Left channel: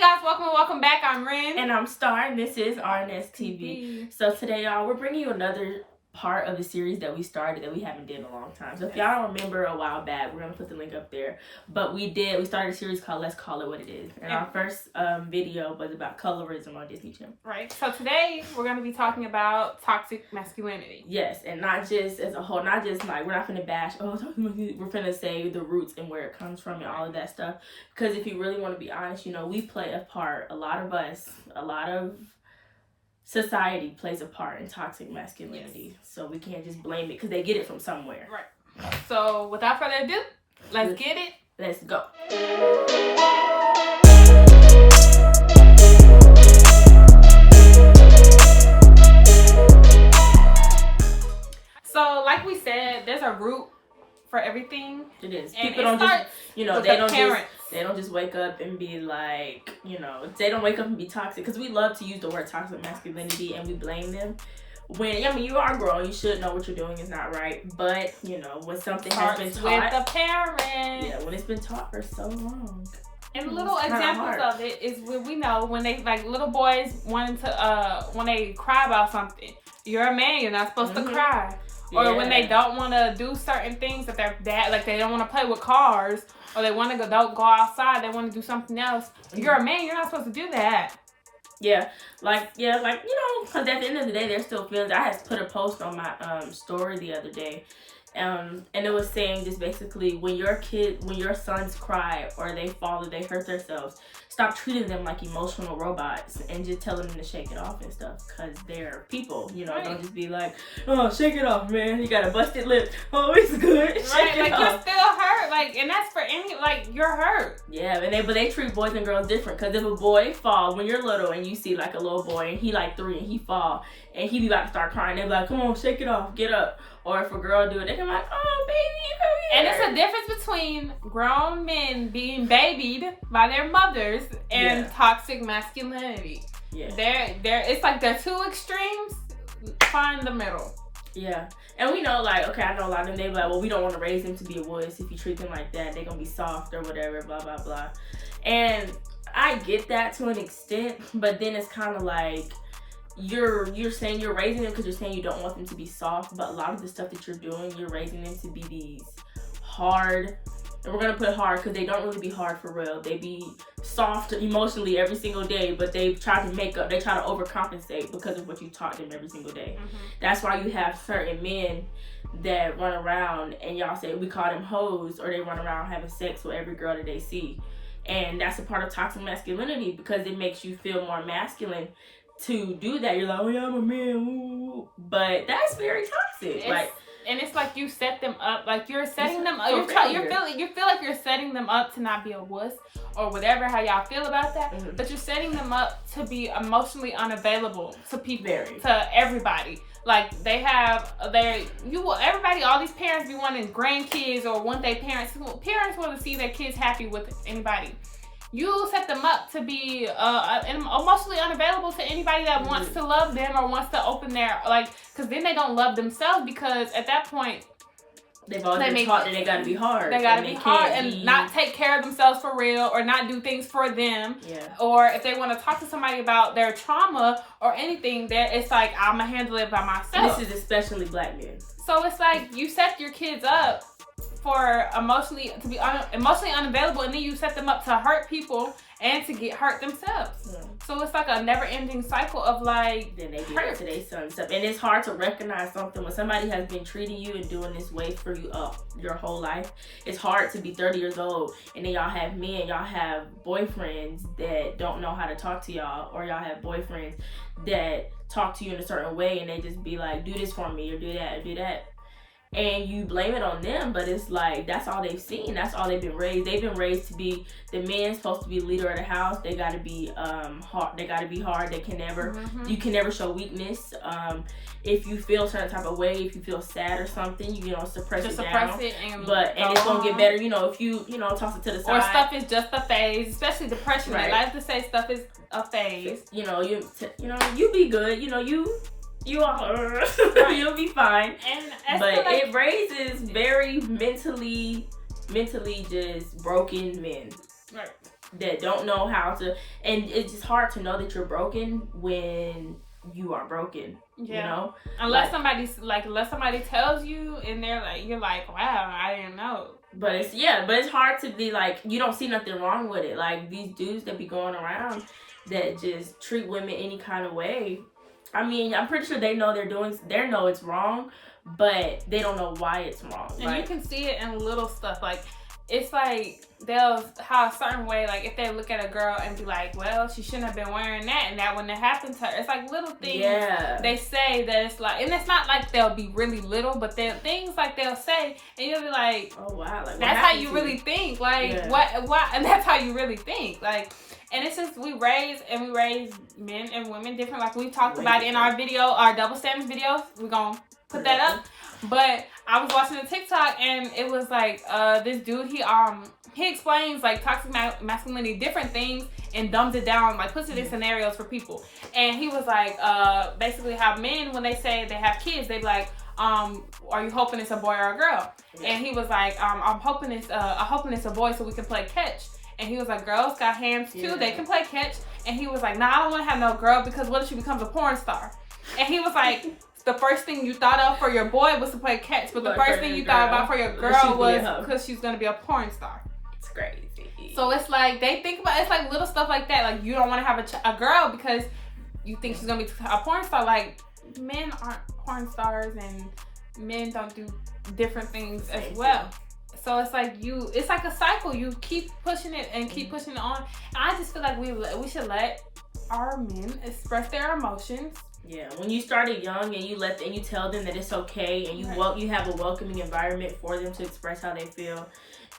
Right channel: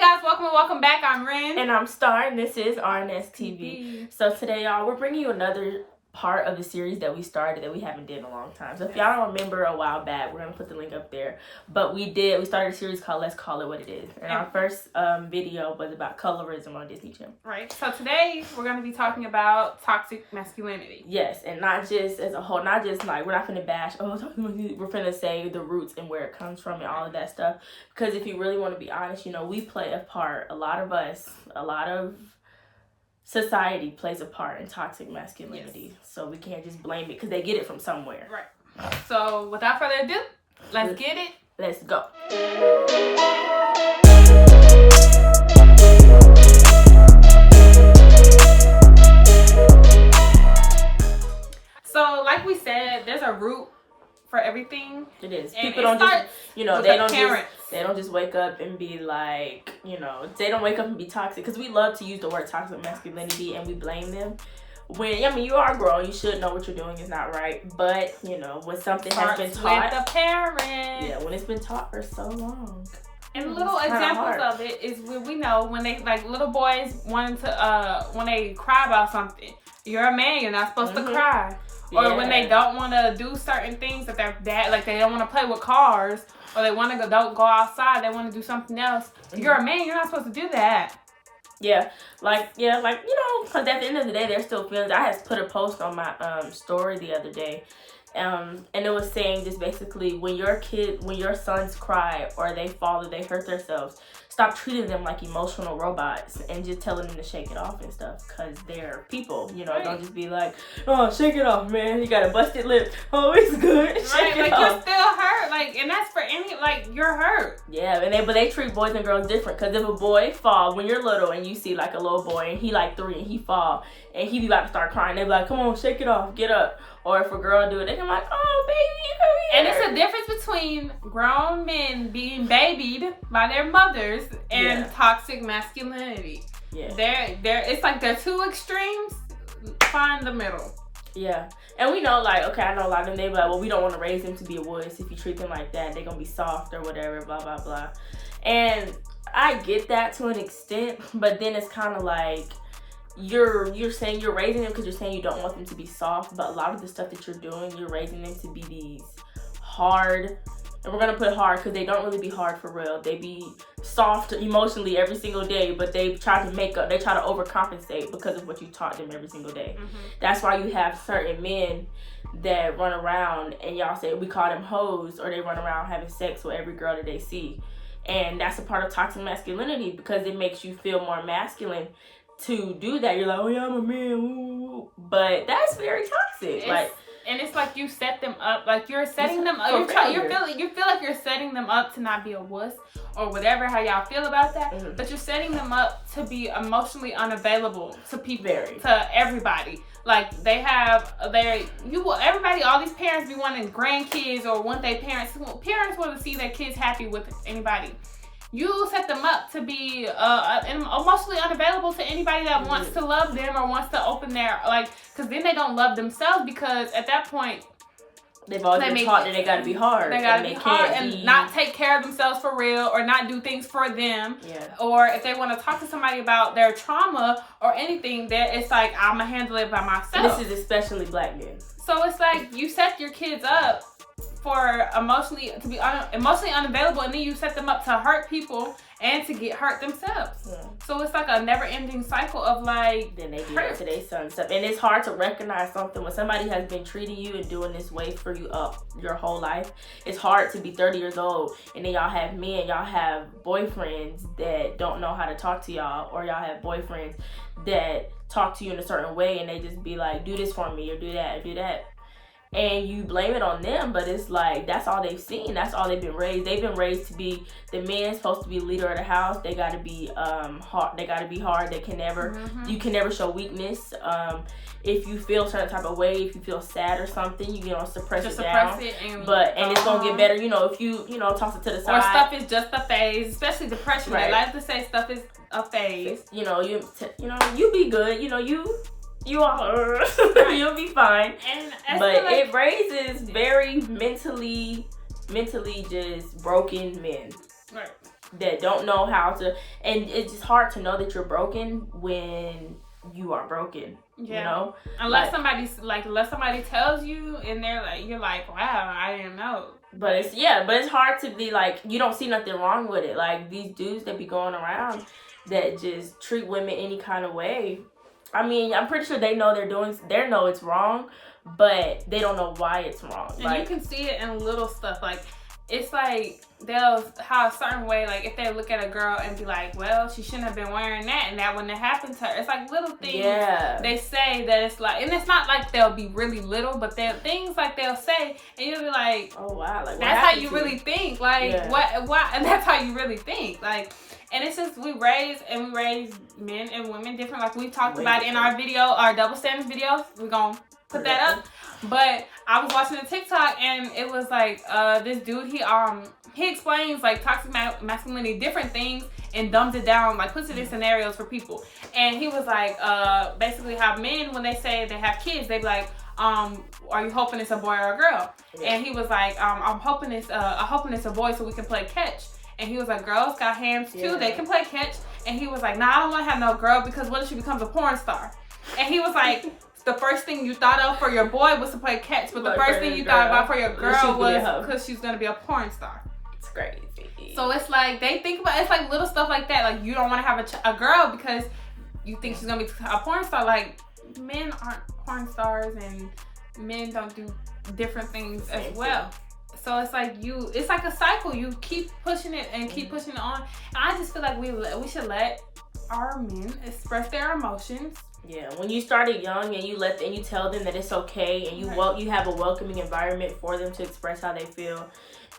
guys, welcome back. I'm Ren. And I'm Starr, and this is RNS TV. So today, y'all, we're bringing you another part of the series that we started that we haven't did in a long time. So if y'all don't remember a while back, we're going to put the link up there. But we started a series called Let's Call It What It Is. And our first video was about colorism on Disney Channel. Right. So today, we're going to be talking about toxic masculinity. Yes, and not just as a whole, not just like, we're not finna bash, we're finna say the roots and where it comes from and all of that stuff. Because if you really want to be honest, you know, we play a part, a lot of us, a lot of society plays a part in toxic masculinity. Yes. So we can't just blame it because they get it from somewhere. Right. So without further ado, let's get it. Let's go. So like we said, there's a root for everything. It is. And people don't just, you know, they don't just wake up and be like, you know, they don't wake up and be toxic, because we love to use the word toxic masculinity and we blame them. When, I mean, you are grown, you should know what you're doing is not right. But, you know, when something has been taught. With the parent. Yeah, when it's been taught for so long. And little examples of it is when we know when they, like, little boys wanting to, when they cry about something. You're a man, you're not supposed to cry. Or when they don't want to do certain things that they're bad, like they don't want to play with cars, or they want to don't go outside, they want to do something else. You're a man, you're not supposed to do that. Yeah, like, you know, because at the end of the day, there's still feelings. I had put a post on my story the other day, and it was saying just basically, when your sons cry or they fall or they hurt themselves, stop treating them like emotional robots and just telling them to shake it off and stuff, because they're people, you know. Right. Don't just be like, oh, shake it off, man, you got a busted lip, oh, it's good. Right, like, you're still hurt, like, and that's for any, like, you're hurt. Yeah, but they treat boys and girls different, because if a boy fall when you're little and you see like a little boy and he like 3 and he fall and he about to start crying, they be like, come on, shake it off, get up. Or if a girl do it, they can be like, oh, baby, come here. And it's a difference between grown men being babied by their mothers and toxic masculinity. Yeah. It's like they're two extremes. Find the middle. Yeah. And we know, like, okay, I know a lot of them, they be like, well, we don't want to raise them to be a wuss. If you treat them like that, they're going to be soft or whatever, blah, blah, blah. And I get that to an extent, but then it's kind of like, you're saying you're raising them because you're saying you don't want them to be soft, but a lot of the stuff that you're doing, you're raising them to be these hard, and we're gonna put hard because they don't really be hard for real. They be soft emotionally every single day, but they try to overcompensate because of what you taught them every single day. Mm-hmm. That's why you have certain men that run around and y'all say we call them hoes, or they run around having sex with every girl that they see, and that's a part of toxic masculinity because it makes you feel more masculine to do that. You're like, oh yeah, I'm a man, woo. But that's very toxic. And it's like you set them up, like you're setting them up. You feel like you're setting them up to not be a wuss or whatever, how y'all feel about that. Mm-hmm. But you're setting them up to be emotionally unavailable to people, to everybody. Like everybody, all these parents be wanting grandkids or want their parents want to see their kids happy with anybody. You set them up to be emotionally unavailable to anybody that wants to love them or wants to open their, like, because then they don't love themselves, because at that point, they've always been taught that they gotta be hard. They gotta be hard and not take care of themselves for real, or not do things for them. Yeah. Or if they want to talk to somebody about their trauma or anything, that it's like, I'm gonna handle it by myself. This is especially black men. So it's like you set your kids up for emotionally unavailable, and then you set them up to hurt people and to get hurt themselves. Yeah. So it's like a never-ending cycle of like, then they do that to their son stuff. And it's hard to recognize something when somebody has been treating you and doing this way for you up your whole life. It's hard to be 30 years old and then y'all have boyfriends that don't know how to talk to y'all, or y'all have boyfriends that talk to you in a certain way and they just be like, do this for me, or do that, or do that. And you blame it on them, but it's like, that's all they've seen. That's all they've been raised. They've been raised to be, the man's supposed to be the leader of the house. They got to be hard. They got to be hard. They can never, you can never show weakness. If you feel a certain type of way, if you feel sad or something, you know, suppress it and it's gonna get better. You know, if you toss it to the side. Or stuff is just a phase, especially depression. Right. They like to say stuff is a phase. You know, you be good. You know, you are, you'll be fine. But it raises very mentally just broken men. Right. that don't know how to, and it's just hard to know that you're broken when you are broken. Yeah. You know, unless somebody tells you, and you're like, wow, I didn't know. But it's hard to be like, you don't see nothing wrong with it. Like these dudes that be going around that just treat women any kind of way. I mean, I'm pretty sure they know they know it's wrong, but they don't know why it's wrong. And you can see it in little stuff. Like, it's like they'll have a certain way, like if they look at a girl and be like, well, she shouldn't have been wearing that, and that wouldn't have happened to her. It's like little things they say that it's like, and it's not like they'll be really little, but they're things like they'll say, and you'll be like, oh wow, like that's how you really think. Like what, and that's how you really think. Like, and it's just we raise men and women different. Like we talked about in our video, our double standard videos. We're gonna put that up. But I was watching a TikTok, and it was like this dude, he explains like toxic masculinity, different things, and dumbs it down, like puts it in scenarios for people. And he was like basically how men, when they say they have kids, they be like, are you hoping it's a boy or a girl? And he was like, I'm hoping it's a boy so we can play catch. And he was like, girls got hands too, they can play catch. And he was like, nah, I don't want to have no girl, because what if she becomes a porn star? And he was like, the first thing you thought of for your boy was to play catch, but the first thing you thought about for your girl was because she's going to be a porn star. It's crazy. So it's like, they think about, it's like little stuff like that. Like, you don't want to have a girl because you think she's going to be a porn star. Like, men aren't porn stars, and men don't do different things as well. So it's like it's like a cycle. You keep pushing it and keep pushing it on. And I just feel like we should let our men express their emotions. Yeah, when you started young and you tell them that it's okay, and you have a welcoming environment for them to express how they feel,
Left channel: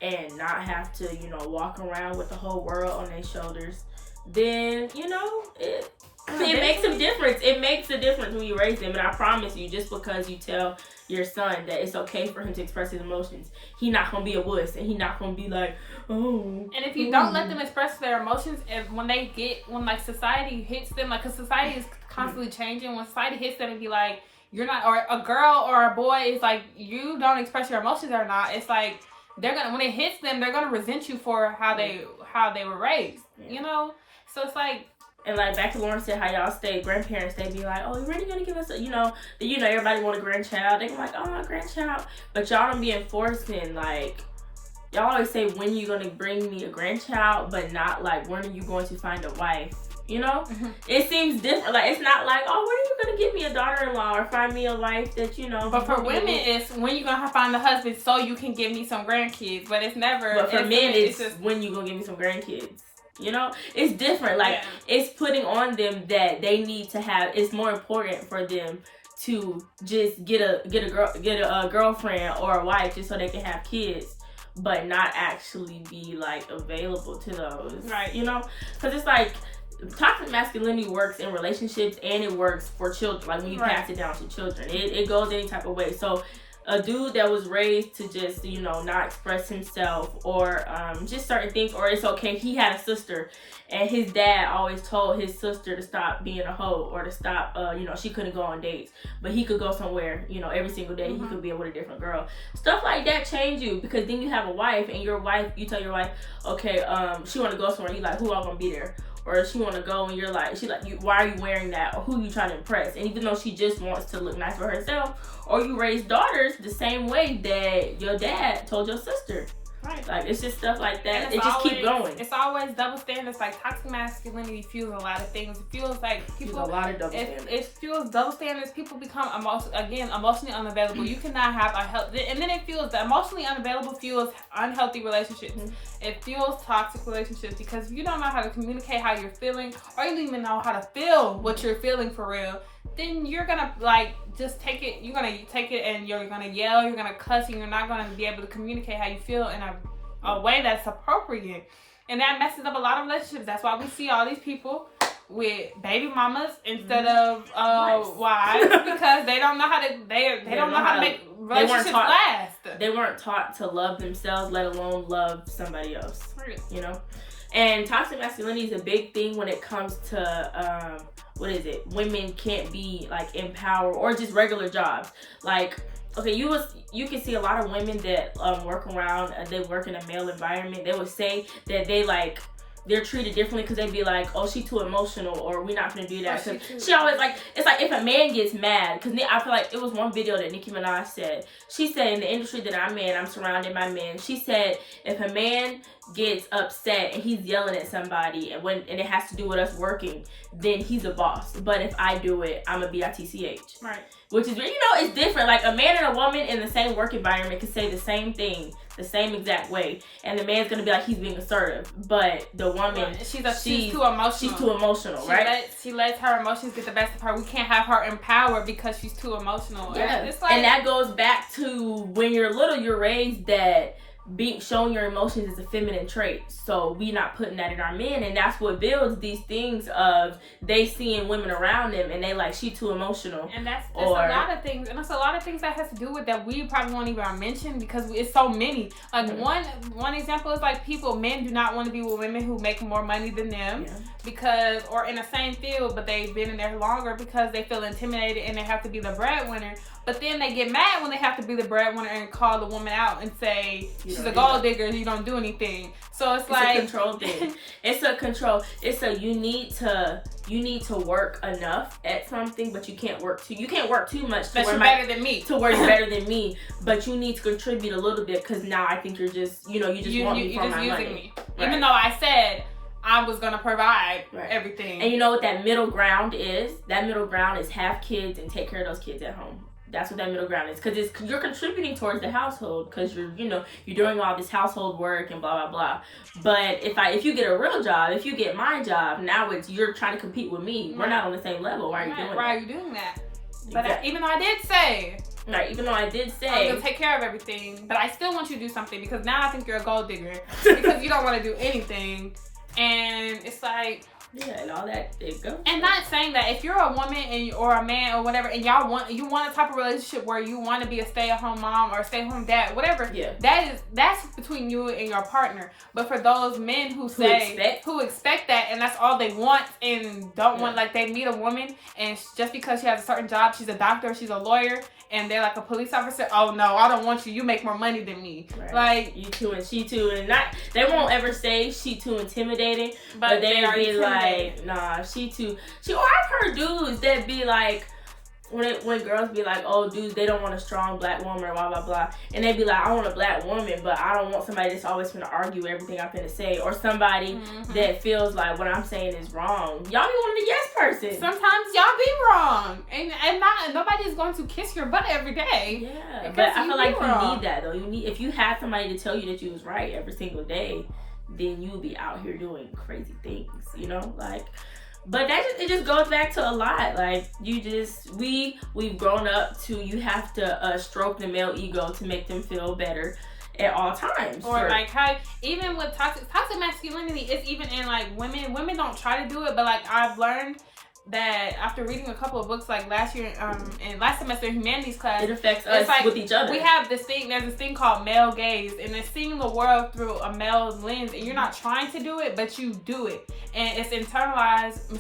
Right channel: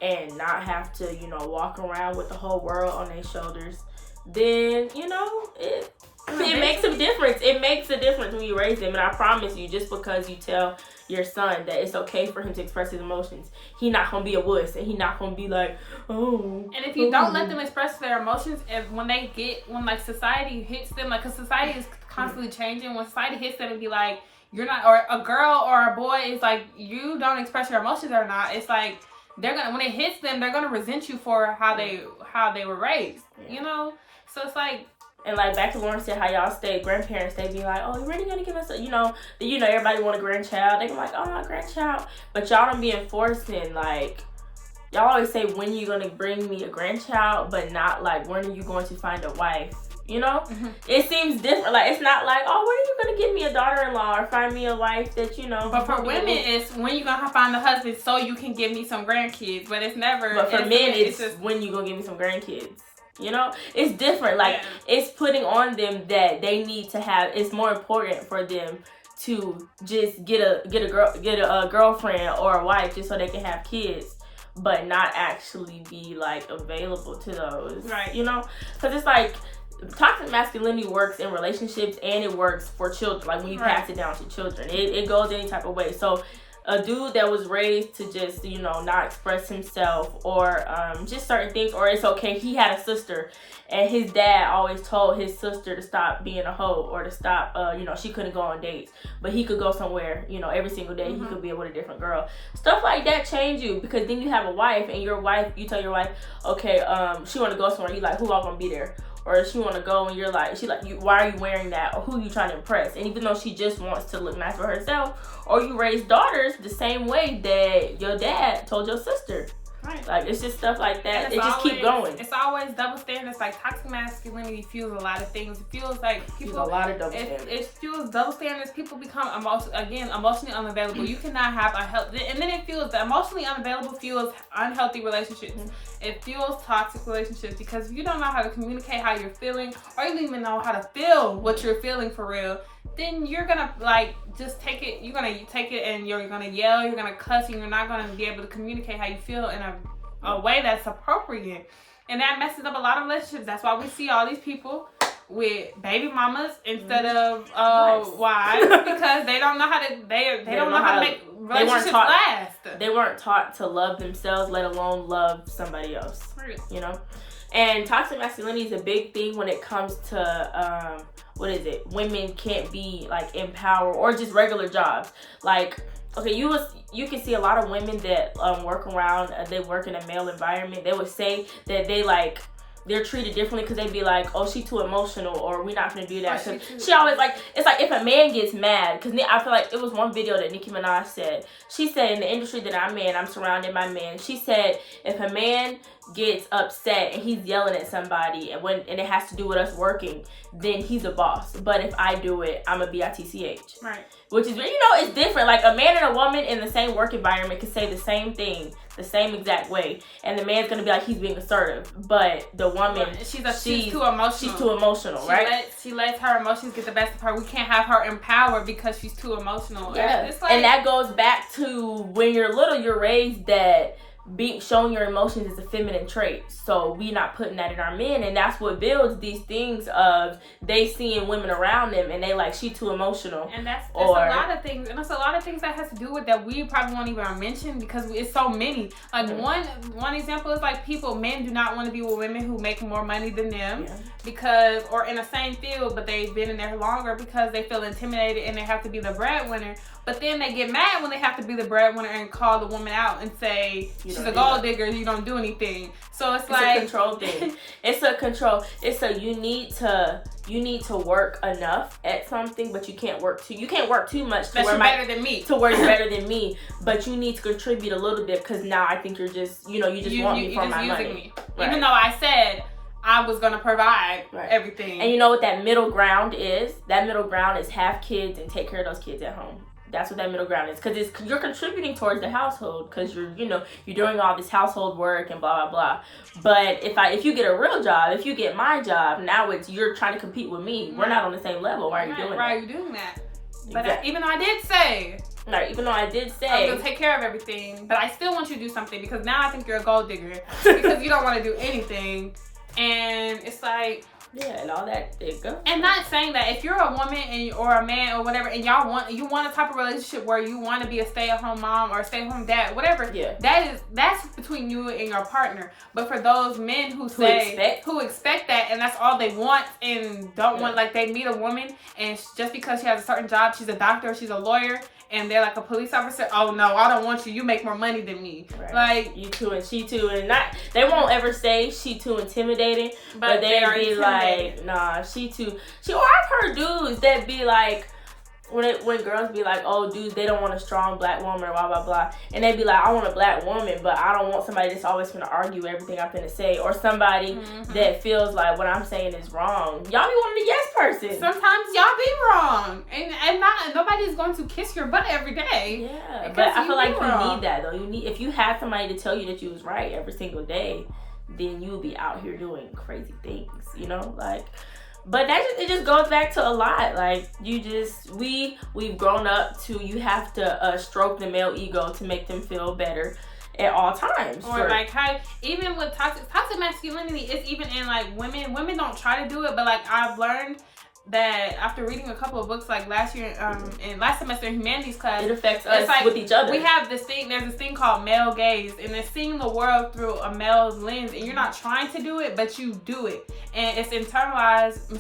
and not have to, walk around with the whole world on their shoulders, then it makes a difference. It makes a difference when you raise them. And I promise you, just because you tell your son that it's okay for him to express his emotions, he not gonna be a wuss, and he not gonna be like, oh. And if you don't let them express their emotions, when society hits them, like, because society is constantly changing, when society hits them and be like, you're not, or a girl or a boy is like, you don't express your emotions or not, it's like when it hits them, they're gonna resent you for how they were raised, so it's like. And like back to Lauren said, how y'all stay grandparents, they be like, oh, you really gonna give us everybody want a grandchild. They be like, oh, my grandchild. But y'all don't be enforcing, like, y'all always say, when you gonna bring me a grandchild, but not like, when are you going to find a wife? It seems different. Like, it's not like, oh, when are you gonna give me a daughter-in-law or find me a wife that But for women, it's when you gonna find a husband so you can give me some grandkids. But it's never. But for men, it's just when you gonna give me some grandkids. It's different. Like, it's putting on them that they need to have. It's more important for them to just get a girlfriend or a wife just so they can have kids, but not actually be like available to those. Right. Because it's like toxic masculinity works in relationships, and it works for children. Like when you pass it down to children, it goes any type of way. So a dude that was raised to just, not express himself, or just certain things, or it's okay. He had a sister, and his dad always told his sister to stop being a hoe, or to stop, she couldn't go on dates, but he could go somewhere, every single day. He could be with a different girl. Stuff like that change you, because then you have a wife, and you tell your wife, okay, she want to go somewhere. You like, who all gonna be there? Or she want to go, and you're like, why are you wearing that? Or who are you trying to impress? And even though she just wants to look nice for herself, or you raise daughters the same way that your dad told your sister. Right. Like, it's just stuff like that. It just keep going. It's always double standards. Like, toxic masculinity fuels a lot of things. It feels like people. A lot of double standards. It fuels double standards. People become emotionally unavailable. You cannot have a healthy, and then it fuels the emotionally unavailable fuels unhealthy relationships. It fuels toxic relationships, because if you don't know how to communicate how you're feeling, or you don't even know how to feel what you're feeling for real, then you're gonna just take it. You're gonna take it, and you're gonna yell, you're gonna cuss, and you're not gonna be able to communicate how you feel in a way that's appropriate, and that messes up a lot of relationships. That's why we see all these people with baby mamas instead of wives, because they don't know how to they don't know how to make relationships last. They weren't taught to love themselves, let alone love somebody else. And toxic masculinity is a big thing when it comes to women can't be like in power, or just regular jobs. Like, okay, you can see a lot of women that work around, they work in a male environment. They would say that they like they're treated differently because they'd be like, oh, she too emotional, or we're not gonna do that. She always like, it's like if a man gets mad, because I feel like it was one video that Nicki Minaj said. She said, in the industry that I'm in, I'm surrounded by men. She said, if a man gets upset and he's yelling at somebody and it has to do with us working, then he's a boss. But if I do it, I'm a bitch. Right. Which is, it's different. Like, a man and a woman in the same work environment could say the same thing the same exact way, and the man's gonna be like, he's being assertive, but the woman, she's too emotional. She's too emotional, right? She lets her emotions get the best of her. We can't have her empowered because she's too emotional. Yeah. It's like, and that goes back to when you're little, you're raised that showing your emotions is a feminine trait, so we not putting that in our men, and that's what builds these things of they seeing women around them and they like, she too emotional. And that's a lot of things, and it's a lot of things that has to do with that we probably won't even mention because it's so many. Like, one example is like, men do not want to be with women who make more money than them, because, or in the same field, but they've been in there longer, because they feel intimidated and they have to be the breadwinner. But then they get mad when they have to be the breadwinner and call the woman out and say, she's a gold digger, you don't do anything. So it's like a control thing. It's a control. It's a you need to work enough at something, but you can't work too much to you're better than me. To where you're better than me, but you need to contribute a little bit, because now I think you're just you want me for my money. Me. Right. Even though I said I was gonna provide everything. And you know what that middle ground is? That middle ground is have kids and take care of those kids at home. That's what that middle ground is, because you're contributing towards the household, because you're doing all this household work and blah blah blah. But if you get a real job, if you get my job, now you're trying to compete with me. We're not on the same level. Why are you doing that? Why are you doing that? But even though I did say I was gonna take care of everything, but I still want you to do something, because now I think you're a gold digger because you don't want to do anything, and it's like. Yeah, and all that. There you go. And not saying that if you're a woman or a man or whatever, and you want a type of relationship where you want to be a stay-at-home mom or a stay-at-home dad, whatever. Yeah. That's between you and your partner. But for those men who expect that, and that's all they want, and don't want, like, they meet a woman and just because she has a certain job, she's a doctor, she's a lawyer, and they're like a police officer. Oh no, I don't want you. You make more money than me. Right. Like, you too and she too, and they won't ever say she too intimidating, but they are be like, nah, she too. I've heard dudes that be like, when girls be like, oh, dudes, they don't want a strong black woman or blah blah blah, and they be like, I want a black woman, but I don't want somebody that's always gonna argue everything I'm gonna say, or somebody that feels like what I'm saying is wrong. Y'all be wanting a yes person. Sometimes y'all be wrong, and nobody's going to kiss your butt every day. Yeah, but I feel like you need that though. If you have somebody to tell you that you was right every single day, then you'll be out here doing crazy things, like. But it just goes back to a lot. Like, we've grown up to, you have to stroke the male ego to make them feel better at all times. Or like how, even with toxic masculinity, it's even in like women don't try to do it, but like I've learned that after reading a couple of books, like last year and last semester in humanities class, it affects us like, with each other. We have there's this thing called male gaze, and it's seeing the world through a male's lens, and you're not trying to do it, but you do it, and it's internalized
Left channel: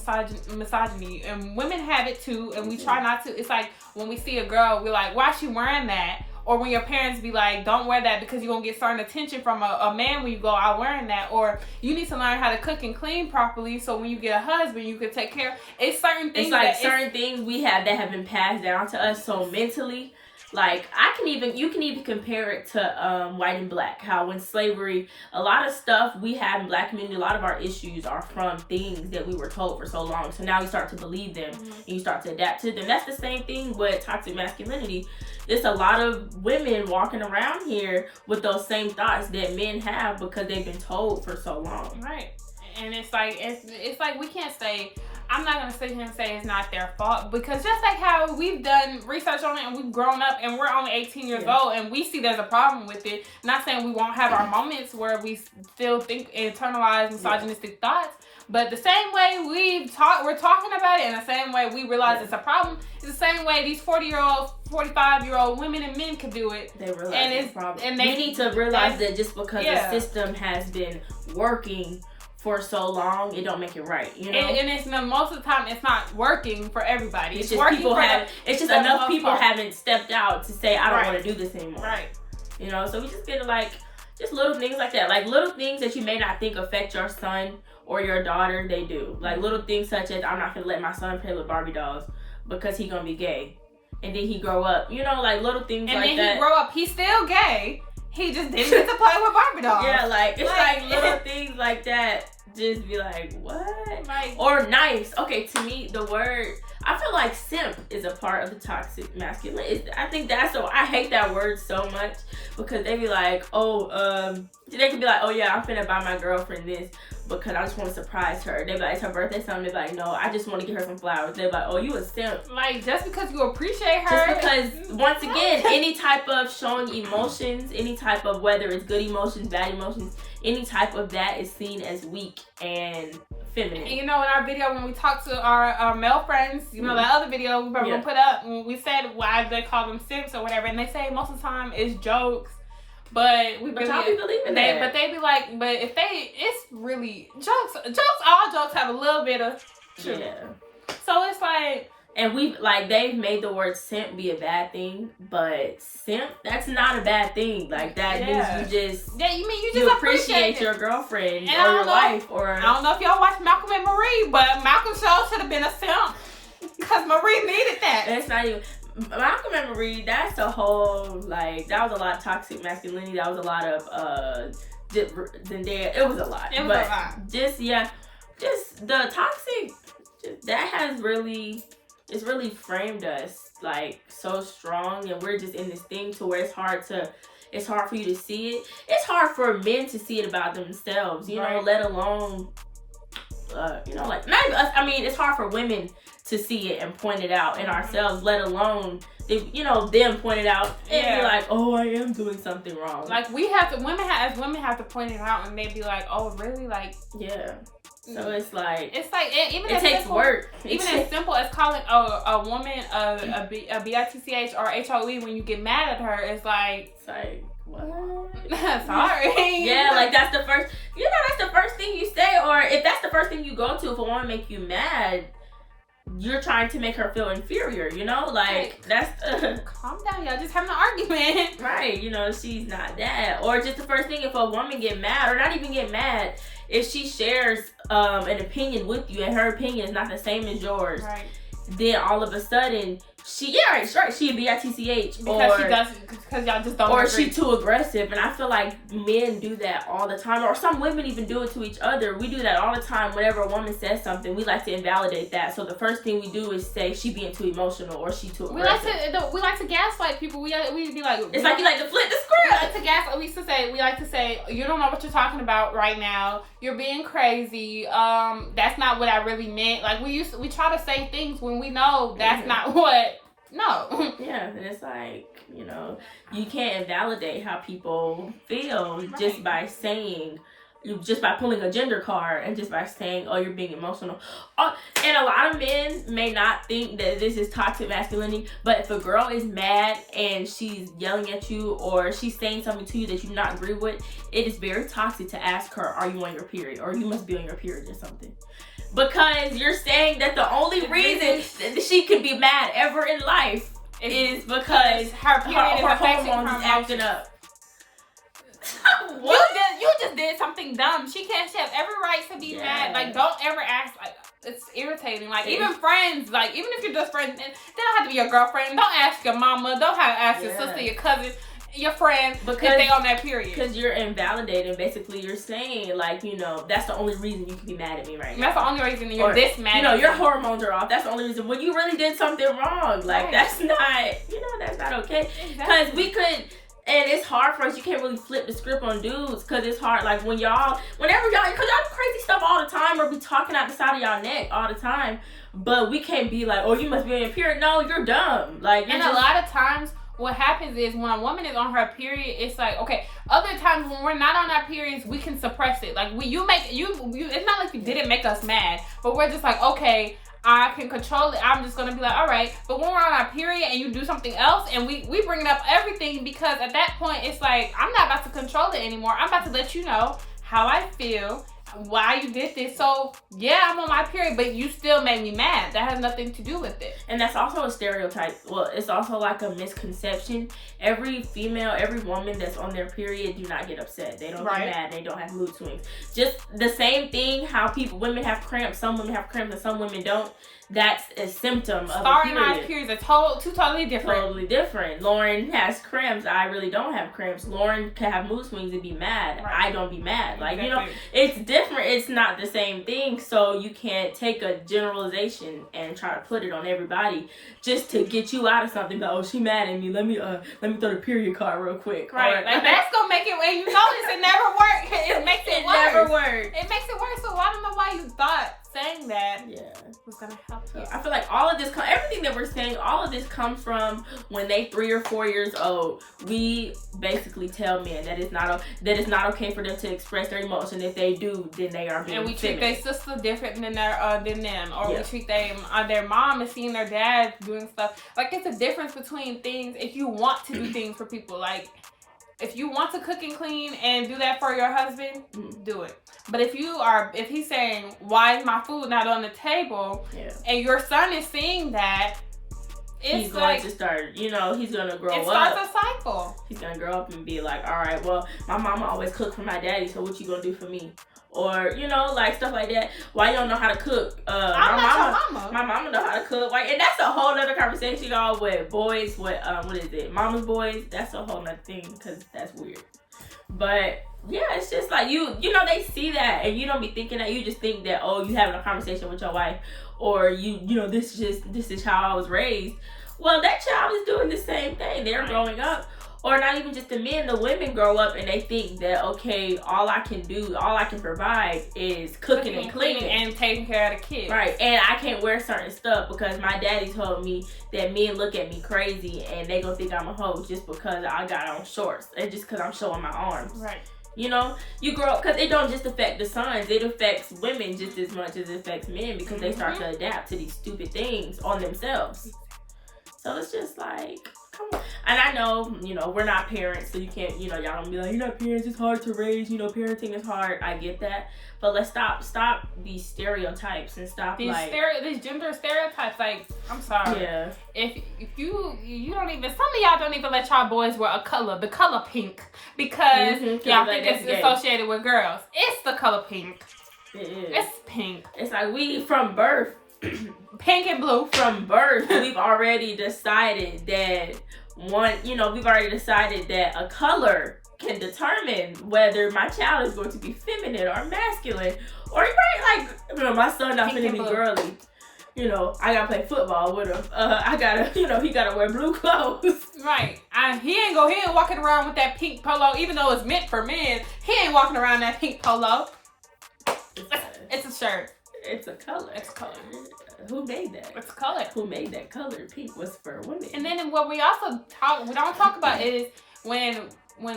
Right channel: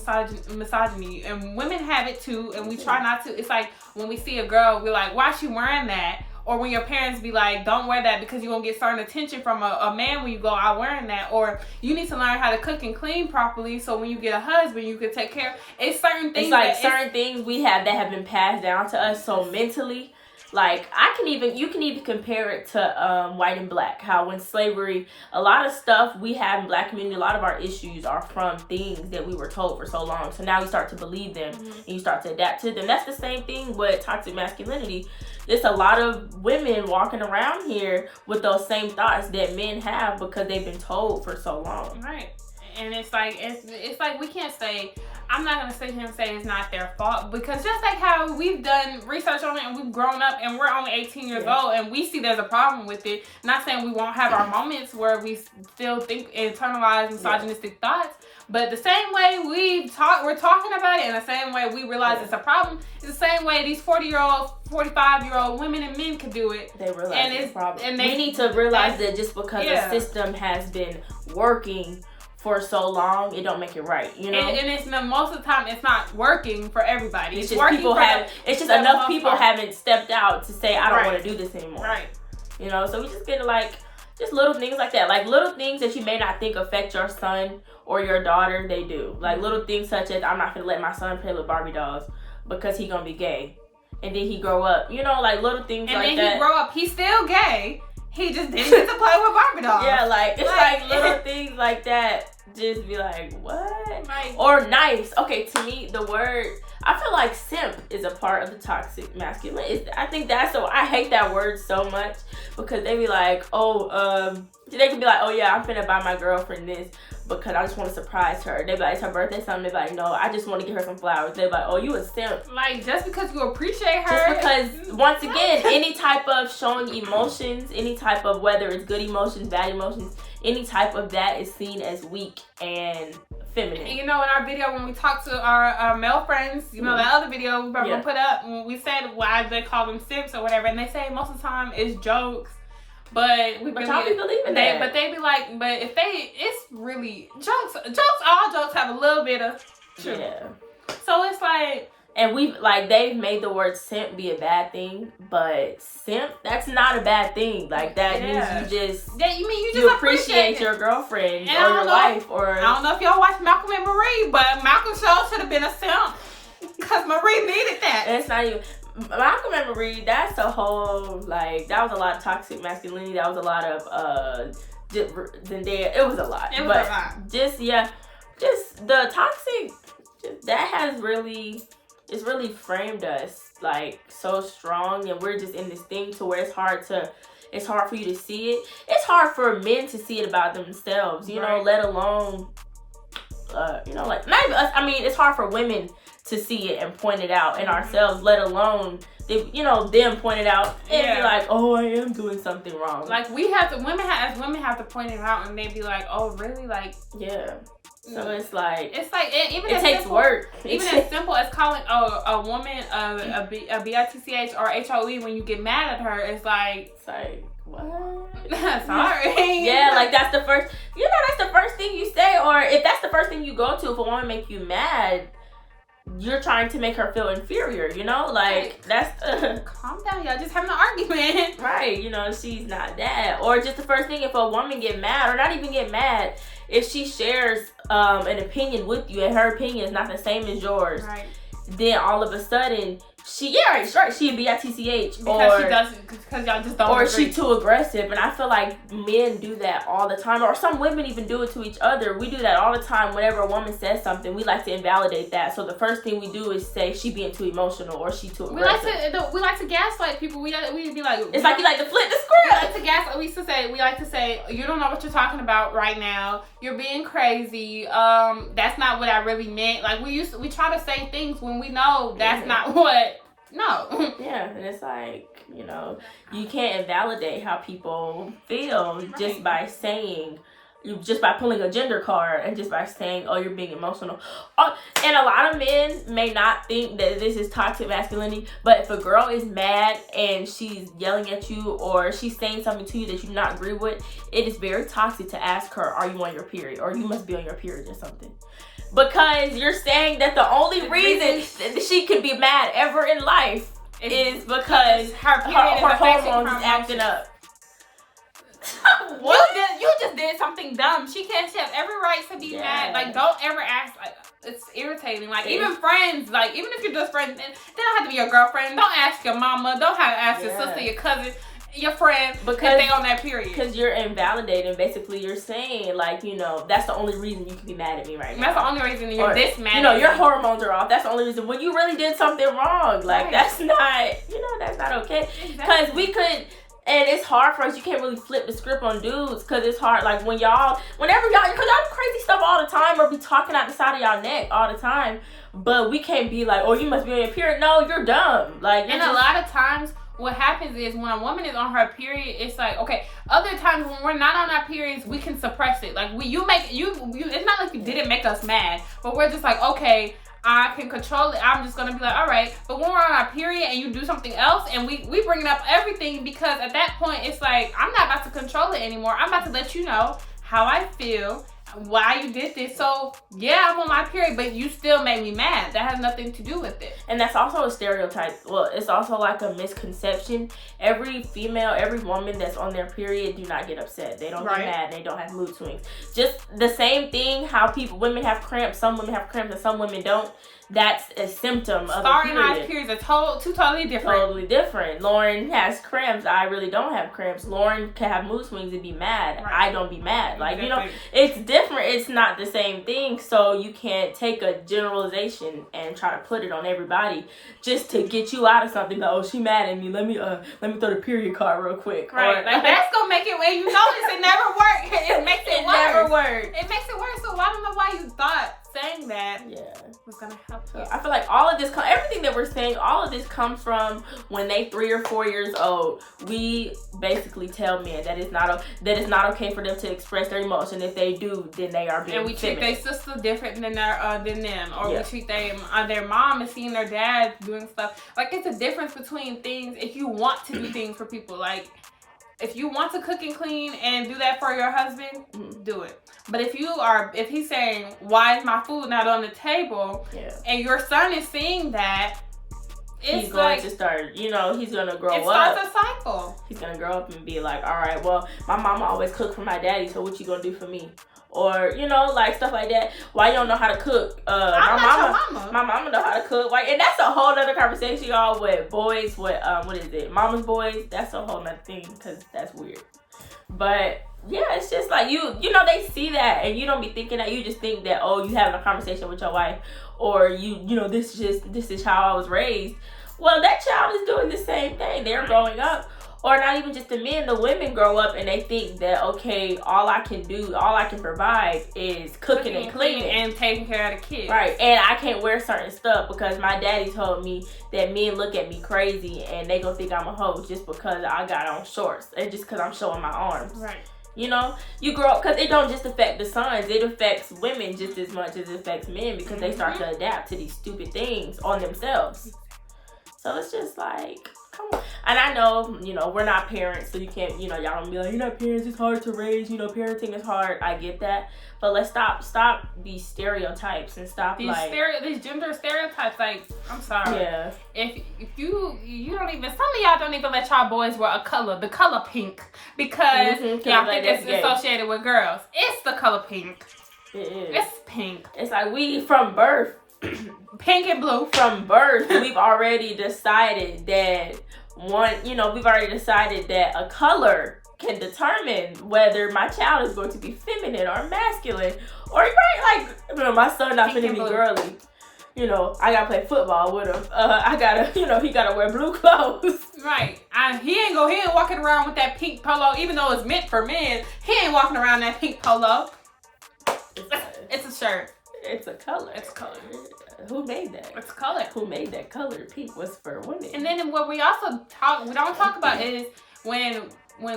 misogyny, and women have it too, and we try not to. It's like when we see a girl, we're like, why is she wearing that? Or when your parents be like, don't wear that because you're going to get certain attention from a man when you go out wearing that. Or you need to learn how to cook and clean properly so when you get a husband, you can take care. It's certain things. It's like certain things we have that have been passed down to us so mentally. Like, you can even compare it to white and black. How when slavery, a lot of stuff we have in black community, a lot of our issues are from things that we were told for so long. So now you start to believe them and you start to adapt to them. That's the same thing with toxic masculinity. There's a lot of women walking around here with those same thoughts that men have because they've been told for so long. Right. And it's like we can't say, I'm not gonna sit here and say it's not their fault, because just like how we've done research on it and we've grown up and we're only 18 years old and we see there's a problem with it. Not saying we won't have our moments where we still think internalized misogynistic thoughts, but the same way we're talking about it, and the same way we realize it's a problem, is the same way these 40-year-old, 45-year-old women and men could do it. They realize it's a problem. And we need to realize that just because the system has been working for so long, it don't make it right, And it's most of the time it's not working for everybody. It's working enough people haven't stepped out to say, I don't want to do this anymore. Right. So we just get like just little things like that, like little things that you may not think affect your son or your daughter, they do. Like little things such as, I'm not gonna let my son play with Barbie dolls because he gonna be gay. And then he grow up, you know, like little things and like that. And then he grow up, he's still gay. He just didn't get to play with Barbie dolls. Yeah, like, it's like little things like that. Just be like, what? Like, or nice. Okay, to me, the word, I feel like simp is a part of the toxic masculinity. I think that's so, I hate that word so much because they be like, they can be like, oh yeah, I'm finna buy my girlfriend this because I just want to surprise her. They be like, it's her birthday something. They be like, no, I just want to get her some flowers. They be like, oh, you a simp. Like, just because you appreciate her. Just because, once again, any type of showing emotions, any type of, whether it's good emotions, bad emotions, any type of that is seen as weak and feminine. And you know, in our video when we talked to our male friends, you know, that other video we probably gonna put up, we said why they call them simps or whatever, and they say most of the time it's jokes. But we really, y'all be believing that. But they be like, but if it's really jokes. All jokes have a little bit of truth. Yeah. So it's like, and they've made the word simp be a bad thing, but simp, that's not a bad thing. Like that means you just appreciate your girlfriend or your wife. Or I don't know if y'all watch Malcolm and Marie, but Malcolm show should have been a simp because Marie needed that. And it's not even. Malcolm and Marie, that's a whole, like, that was a lot of toxic masculinity. That was a lot of, it was a lot. It was a lot. Just the toxic, that has really, it's really framed us, like, so strong. And we're just in this thing to where it's hard for you to see it. It's hard for men to see it about themselves, you know, let alone, you know, like, not even us. I mean, it's hard for women to see it and point it out in ourselves, let alone, them point it out and be like, oh, I am doing something wrong. Like, women have to point it out, and they be like, oh, really? Like, yeah. So it's like even it as takes simple, work. Even as simple as calling a woman a bitch or HOE when you get mad at her, it's like what? Sorry. Yeah, like that's the first thing you say, or if that's the first thing you go to, if a woman make you mad, you're trying to make her feel inferior, you know? Like, that's... calm down, y'all. Just having an argument. Right, you know, she's not that. Or just the first thing, if a woman get mad, or not even get mad, if she shares an opinion with you, and her opinion is not the same as yours, then all of a sudden... She'd be bitch. Because y'all just don't Or agree. she too aggressive. And I feel like men do that all the time. Or some women even do it to each other. We do that all the time. Whenever a woman says something, we like to invalidate that. So the first thing we do is say she being too emotional or she too aggressive. We like to gaslight people. We be like, it's like you like to flip the script. We like to gaslight. We like to say, you don't know what you're talking about right now. You're being crazy. That's not what I really meant. Like we try to say things when we know that's not what. No. Yeah, and it's like, you know, you can't invalidate how people feel just by saying, just by pulling a gender card and just by saying, oh, you're being emotional. And a lot of men may not think that this is toxic masculinity, but if a girl is mad and she's yelling at you or she's saying something to you that you do not agree with, it is very toxic to ask her, are you on your period? Or you must be on your period or something. Because you're saying that the only reason that she could be mad ever in life is because her period is affecting her acting up. You just did something dumb. She has every right to be mad. Like, don't ever ask. Like, it's irritating. Like, even friends, like, even if you're just friends, they don't have to be your girlfriend. Don't ask your mama. Don't have to ask your sister, your cousin, your friend, because if they on that period. Because you're invalidating. Basically, you're saying, like, you know, that's the only reason you can be mad at me right now. That's the only reason you're this mad at me. You know, your hormones are off. That's the only reason. When you really did something wrong. Like, that's not, that's not okay. Because we could... And it's hard for us. You can't really flip the script on dudes because it's hard. Like whenever y'all, because y'all do crazy stuff all the time or be talking out the side of y'all neck all the time. But we can't be like, oh, you must be on your period. No, you're dumb. Like, and a lot of times what happens is when a woman is on her period, it's like, okay, other times when we're not on our periods, we can suppress it. Like it's not like you didn't make us mad, but we're just like, okay, I can control it. I'm just gonna be like, all right. But when we're on our period and you do something else and we bring up everything, because at that point it's like, I'm not about to control it anymore. I'm about to let you know how I feel. why you did this. So, yeah, I'm on my period, but you still made me mad. That has nothing to do with it. And that's also a stereotype. Well, it's also like a misconception. Every female, every woman that's on their period do not get upset. They don't get mad. They don't have mood swings. Just the same thing how women have cramps. Some women have cramps and some women don't. That's a symptom of Starr a period. and I's periods are two totally different. Totally different. Lauren has cramps. I really don't have cramps. Lauren can have mood swings and be mad. Right. I don't be mad. Like, exactly. It's different. It's not the same thing. So you can't take a generalization and try to put it on everybody just to get you out of something. Like, oh, she mad at me. Let me throw the period card real quick. Right. Or, like, that's gonna make it. And you notice it never works. It makes it worse. Never works. It makes it worse. So I don't know why you thought saying that was gonna help you. I feel like all of this, everything that we're saying, all of this comes from when they 3 or 4 years old. We basically tell men that it's not okay for them to express their emotion. If they do, then they are being and we treat their sister different than them, or we treat their mom and seeing their dad doing stuff. Like, it's a difference between things. If you want to do things for people, like, if you want to cook and clean and do that for your husband, do it. But if he's saying, why is my food not on the table? And your son is seeing that, he's going to start, he's going to grow up. It starts a cycle. He's going to grow up and be like, all right, well, my mama always cooked for my daddy, so what you going to do for me? Or, like stuff like that. Why you don't know how to cook? I'm not your mama. My mama know how to cook. Like, and that's a whole other conversation, y'all, with boys, what is it? Mama's boys. That's a whole other thing, because that's weird. But yeah, it's just like they see that, and you don't be thinking that. You just think that, oh, you having a conversation with your wife, or this is how I was raised. Well, that child is doing the same thing. They're growing up. Or not even just the men, the women grow up and they think that, okay, all I can provide is cooking and cleaning. And taking care of the kids. Right. And I can't wear certain stuff because my daddy told me that men look at me crazy and they gonna think I'm a hoe just because I got on shorts and just because I'm showing my arms. Right. You grow up, because it don't just affect the sons, it affects women just as much as it affects men because they start to adapt to these stupid things on themselves. So it's just like, come on. And I know, we're not parents, so you can't, y'all don't be like, you're not parents, it's hard to raise, parenting is hard. I get that. But let's stop these stereotypes and stop these gender stereotypes. Like, I'm sorry. Yeah. If you don't even, some of y'all don't even let y'all boys wear the color pink, because y'all think it's associated with girls. It's the color pink. It is. It's pink. It's like we from birth. Pink and blue. From birth, we've already decided that a color can determine whether my child is going to be feminine or masculine. Or my son not finna be girly. I gotta play football with him. I gotta, he gotta wear blue clothes. Right. He ain't walking around with that pink polo, even though it's meant for men. He ain't walking around that pink polo. It's a shirt. It's a color. It's a color. Who made that? It's a color. Who made that color? Pink was for women. And then what we don't talk about is when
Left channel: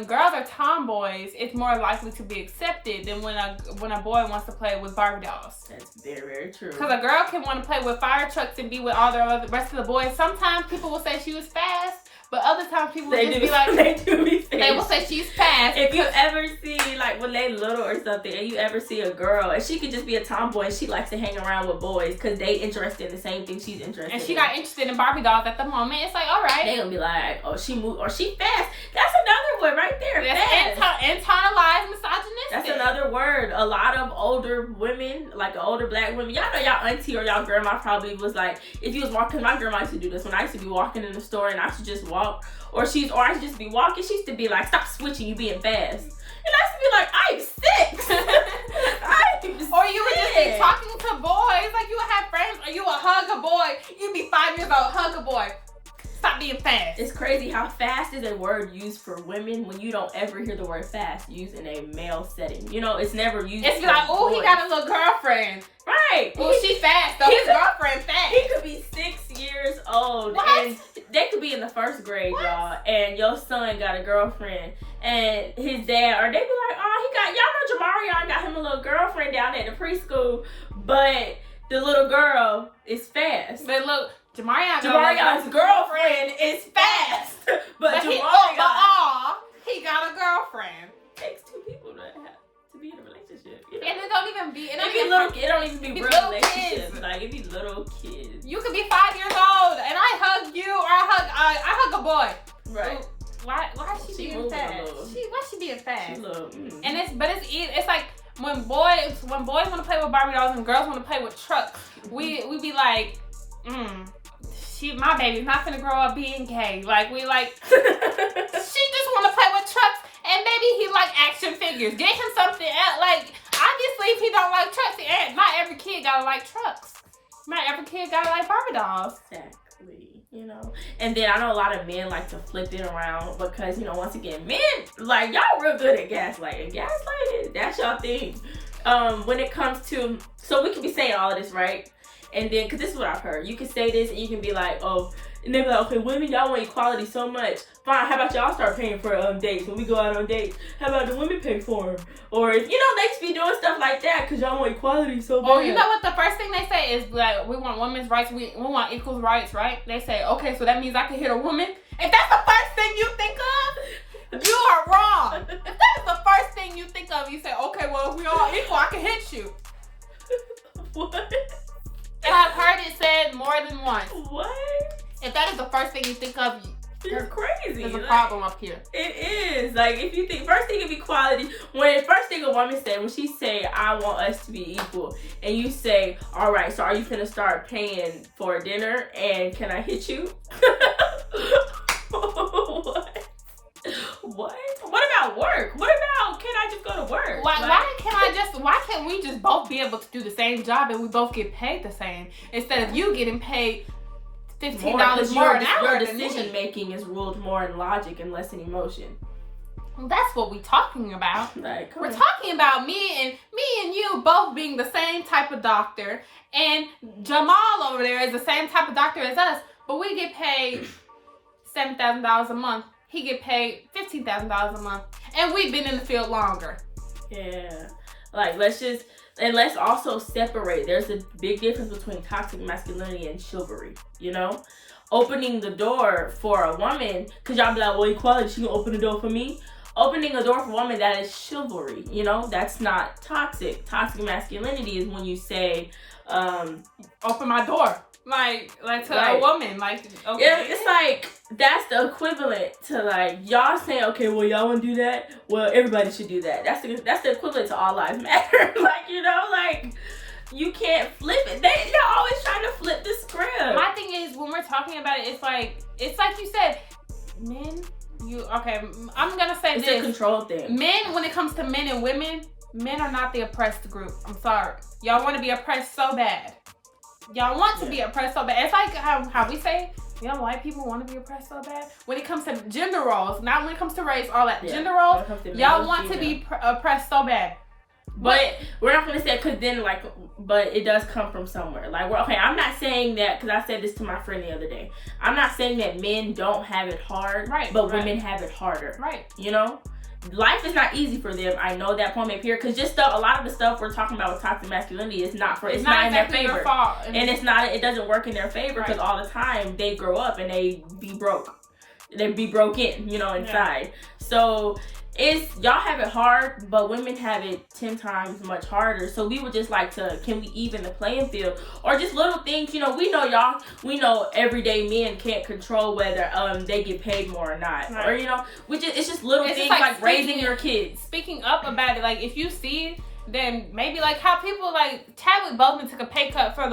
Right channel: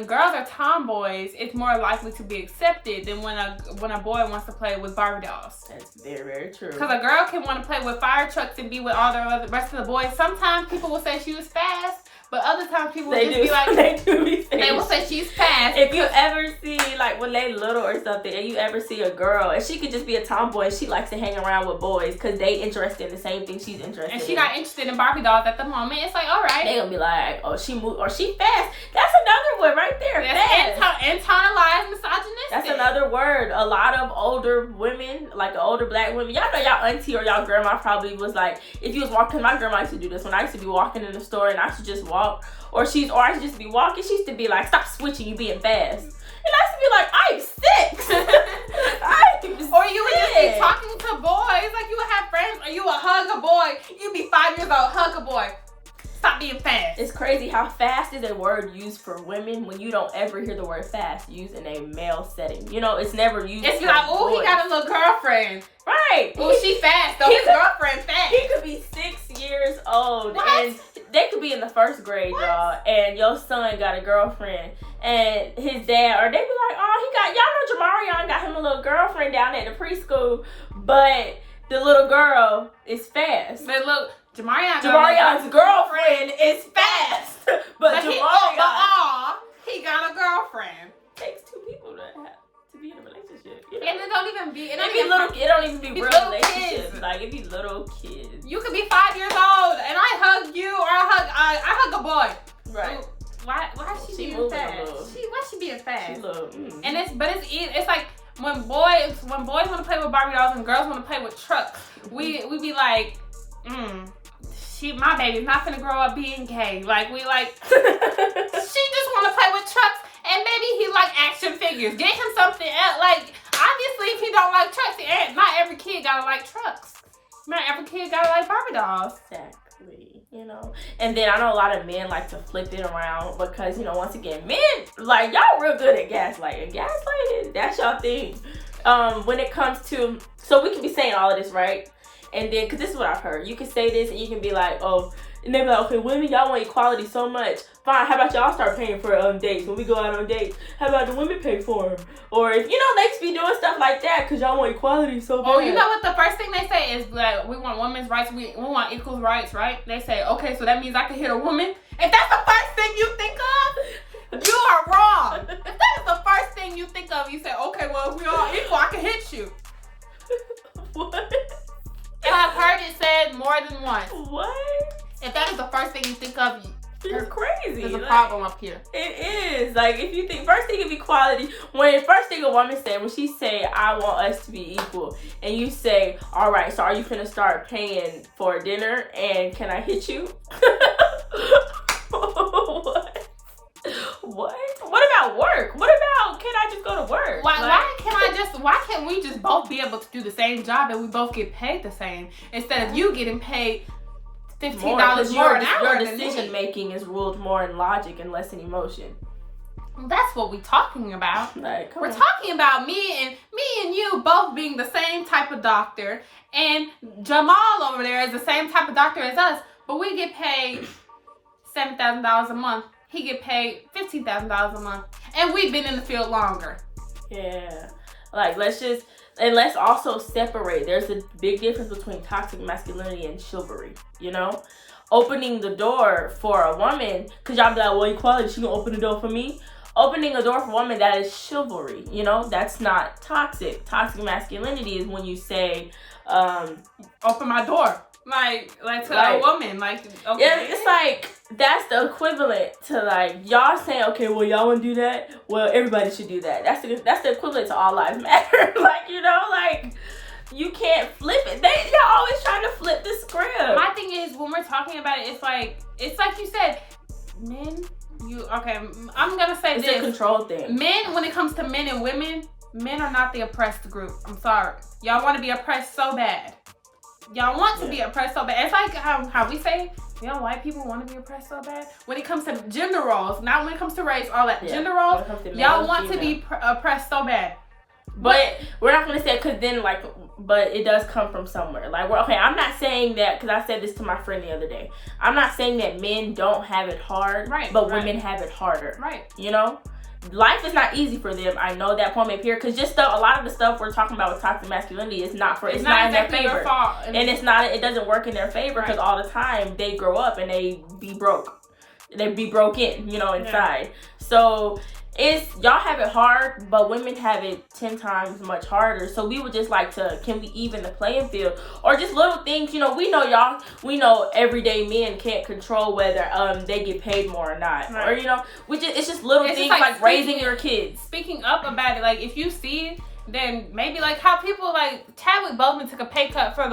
girls are tomboys, it's more likely to be accepted than when a boy wants to play with Barbie dolls. That's very, very true. Because a girl can want to play with fire trucks and be with all the rest of the boys. Sometimes people will say she was fast. But other times people will just be like, they will say she's fast. If you ever see, like, when they little or something, and you ever see a girl, and she could just be a tomboy, and she likes to hang around with boys because they interested in the same thing she's interested in. And she got interested in Barbie dolls at the moment. It's like, all right. They gonna be like, oh, she moved, or she fast. That's another one right there. Internalized misogynistic. That's another word. A lot of older women, like the older black women, y'all know y'all auntie or y'all grandma probably was like, if you was walking, my grandma used to do this when I used to be walking in the store and I should just walk. Or I should just be walking. She used to be like, stop switching, you being fast. And I used to be like, I'm 6. Or you would just be talking to boys. Like, you would have friends, or you would hug a boy. You'd be 5 years old, hug a boy. Stop being fast. It's crazy how fast is a word used for women when you don't ever hear the word fast used in a male setting. It's never used. It's like, oh, he got a little girlfriend. Right. Oh, she fast. So his girlfriend fast. He could be 6 years old. What? And they could be in the 1st grade, y'all. And your son got a girlfriend. And his dad, or they be like, oh, y'all know Jamarion got him a little girlfriend down at the preschool. But the little girl is fast. But look, Jamarion's girlfriend is fast. But he got a girlfriend. Takes 2 people to be in a relationship. And it don't even be. It don't even be real relationships. Kids. Like it be little kids. You could be 5 years old, and I hug you, or I hug a boy. Right. Ooh, why is she being fast? Why she being fast? And it's like when boys want to play with Barbie dolls and girls want to play with trucks. We be like, my baby's not gonna grow up being gay. Like she just want to play with trucks, and maybe he like action figures. Get him something else. Like obviously, if he don't like trucks, not every kid gotta like trucks. Not every kid gotta like Barbie dolls. Exactly. You know, and then I know a lot of men like to flip it around because, you know, once again, men, like, y'all real good at gaslighting. Gaslighting, that's y'all thing. When it comes to, so we can be saying all of this, right? And then, because this is what I've heard. You can say this and you can be like, oh, and they be like, okay, women, y'all want equality so much. Fine, how about y'all start paying for dates when we go out on dates? How about the women pay for them? Or, you know, they just be doing stuff like that because y'all want equality so bad. Oh, you know what the first thing they say is like, we want women's rights, we want equal rights, right? They say, okay, so that means I can hit a woman? If that's the first thing you think of, you are wrong. If that is the first thing you think of, you say, okay, well, if we all equal, I can hit you. What? And I've heard it said more than once. What? If that is the first thing you think of, it's crazy. There's a problem up here. It is. Like, if you think, first thing of equality, when the first thing a woman said, when she say, I want us to be equal, and you say, all right, so are you finna start paying for dinner, and can I hit you? What? What about work? What about, can I just go to work? Why can't we just both be able to do the same job and we both get paid the same instead of you getting paid $15 more an hour? Your decision making is ruled more in logic and less in emotion. Well, that's what we're talking about. Like, we're talking about me and you both being the same type of doctor, and Jamal over there is the same type of doctor as us, but we get paid $7,000 a month. He get paid $15,000 a month, and we've been in the field longer. Yeah, like let's also separate. There's a big difference between toxic masculinity and chivalry. You know, opening the door for a woman, cause y'all be like, well, equality, she gonna open the door for me. Opening a door for a woman, that is chivalry. You know, that's not toxic. Toxic masculinity is when you say, open my door. Like to a woman, like, okay. Yeah, it's like, that's the equivalent to like, y'all saying, okay, well, y'all want to do that? Well, everybody should do that. That's the equivalent to all lives matter. Like, you know, like, you can't flip it. Y'all always trying to flip the script. My thing is, when we're talking about it, it's like you said, men, I'm going to say it's this. It's a control thing. Men, when it comes to men and women, men are not the oppressed group. I'm sorry. Y'all want to be oppressed so bad. Y'all want to be oppressed so bad. It's like how we say, you know, white people want to be oppressed so bad. When it comes to gender roles, not when it comes to race, all that. Gender roles, y'all want to be oppressed so bad. But we're not going to say, because then, like, but it does come from somewhere. Like, I'm not saying that, because I said this to my friend the other day. I'm not saying that men don't have it hard, but women have it harder. Right. You know? Life is not easy for them. I know that point up here, because just a lot of the stuff we're talking about with toxic masculinity is not for. It's not exactly in their favor. Your fault, and it's not. It doesn't work in their favor because all the time they grow up and they be broke. They be broken, you know, inside. Yeah. So y'all have it hard, but women have it 10 times much harder. So we would just like to, can we even the playing field, or just little things? You know, we know everyday men can't control whether they get paid more or not, or you know, it's just little things like raising your kids. Speaking up about it, like if you see it, then maybe like how people like Chadwick Boseman took a pay cut for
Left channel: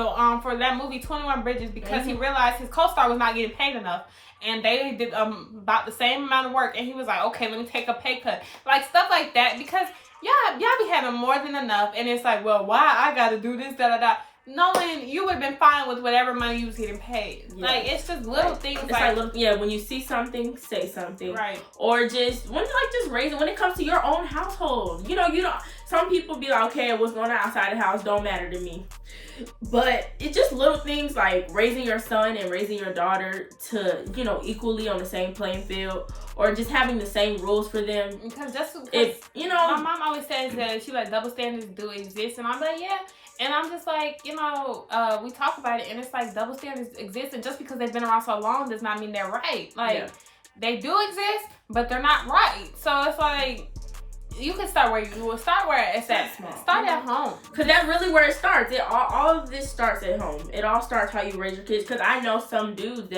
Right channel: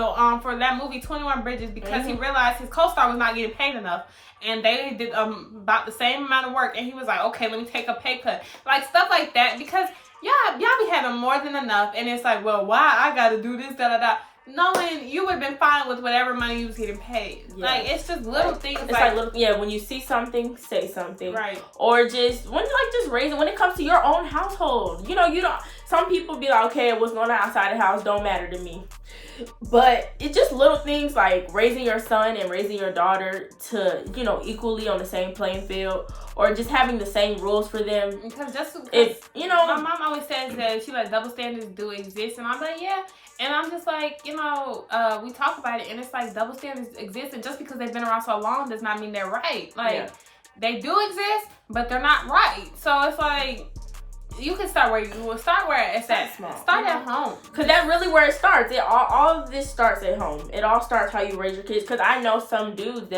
for that movie 21 Bridges because he realized his co-star was not getting paid enough. And they did about the same amount of work, and he was like, okay, let me take a pay cut. Like, stuff like that, because y'all be having more than enough, and it's like, well, why I gotta do this, da-da-da. Knowing you would have been fine with whatever money you was getting paid. Yeah. Like, it's just little things. It's like when you see something, say something. Right. Or just, when it comes to your own household. You know, some people be like, okay, what's going on outside the house don't matter to me. But it's just little things like raising your son and raising your daughter to, you know, equally on the same playing field, or just having the same rules for them. Because you know, my mom always says that she like double standards do exist, and I'm like, yeah. And I'm just like, you know, we talk about it, and it's like double standards exist, and just because they've been around so long does not mean they're right. Like, they do exist, but they're not right. So it's like, You can start where you will start where it's at. Start at home. Because that's really where it starts. All of this starts at home. It all starts how you raise your kids. Because I know some dudes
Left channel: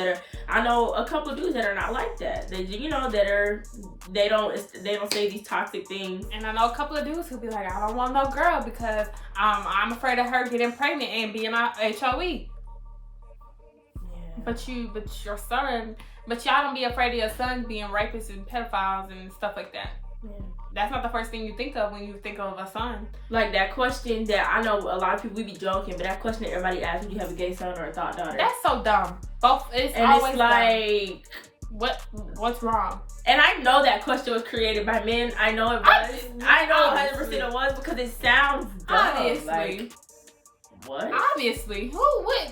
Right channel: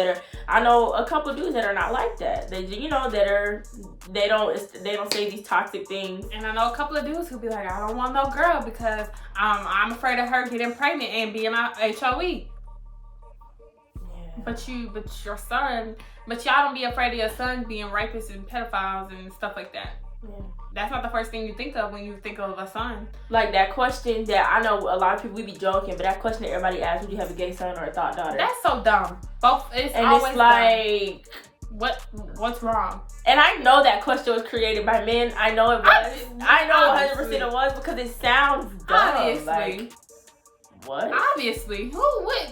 I know a couple of dudes that are not like that. They, you know, they don't say these toxic things. And I know a couple of dudes who be like, I don't want no girl because I'm afraid of her getting pregnant and being a HOE. Yeah. But your son, but y'all don't be afraid of your son being rapists and pedophiles and stuff like that. Yeah. That's not the first thing you think of when you think of a son. Like that question that I know a lot of people, we be joking, but that question that everybody asks, do you have a gay son or a thought daughter? That's so dumb. Both, it's and always it's like, dumb. What's wrong? And I know that question was created by men. I know it was. I know 100% it was because it sounds dumb. Obviously. Like, what? Obviously. Who would?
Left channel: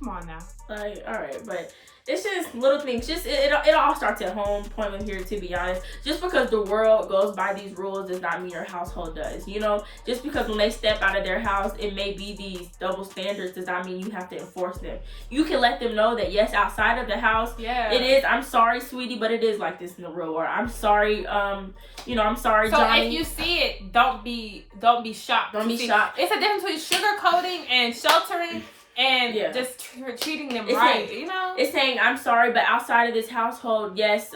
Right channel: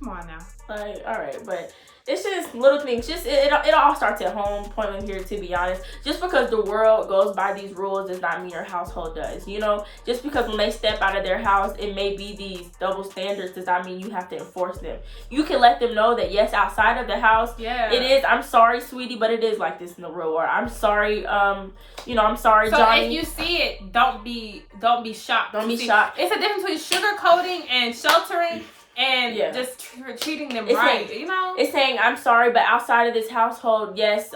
Come on now. Like, all right, but it's just little things. Just it all starts at home. Pointless here, to be honest. Just because the world goes by these rules does not mean your household does. You know, just because when they step out of their house, it may be these double standards does not mean you have to enforce them. You can let them know that yes, outside of the house, it is. I'm sorry, sweetie, but it is like this in the real world. I'm sorry. You know, I'm sorry, so Johnny. If you see it, don't be shocked. Don't be shocked. It's a difference between sugarcoating and sheltering. And just treating them right, you know? It's saying, I'm sorry, but outside of this household, yes,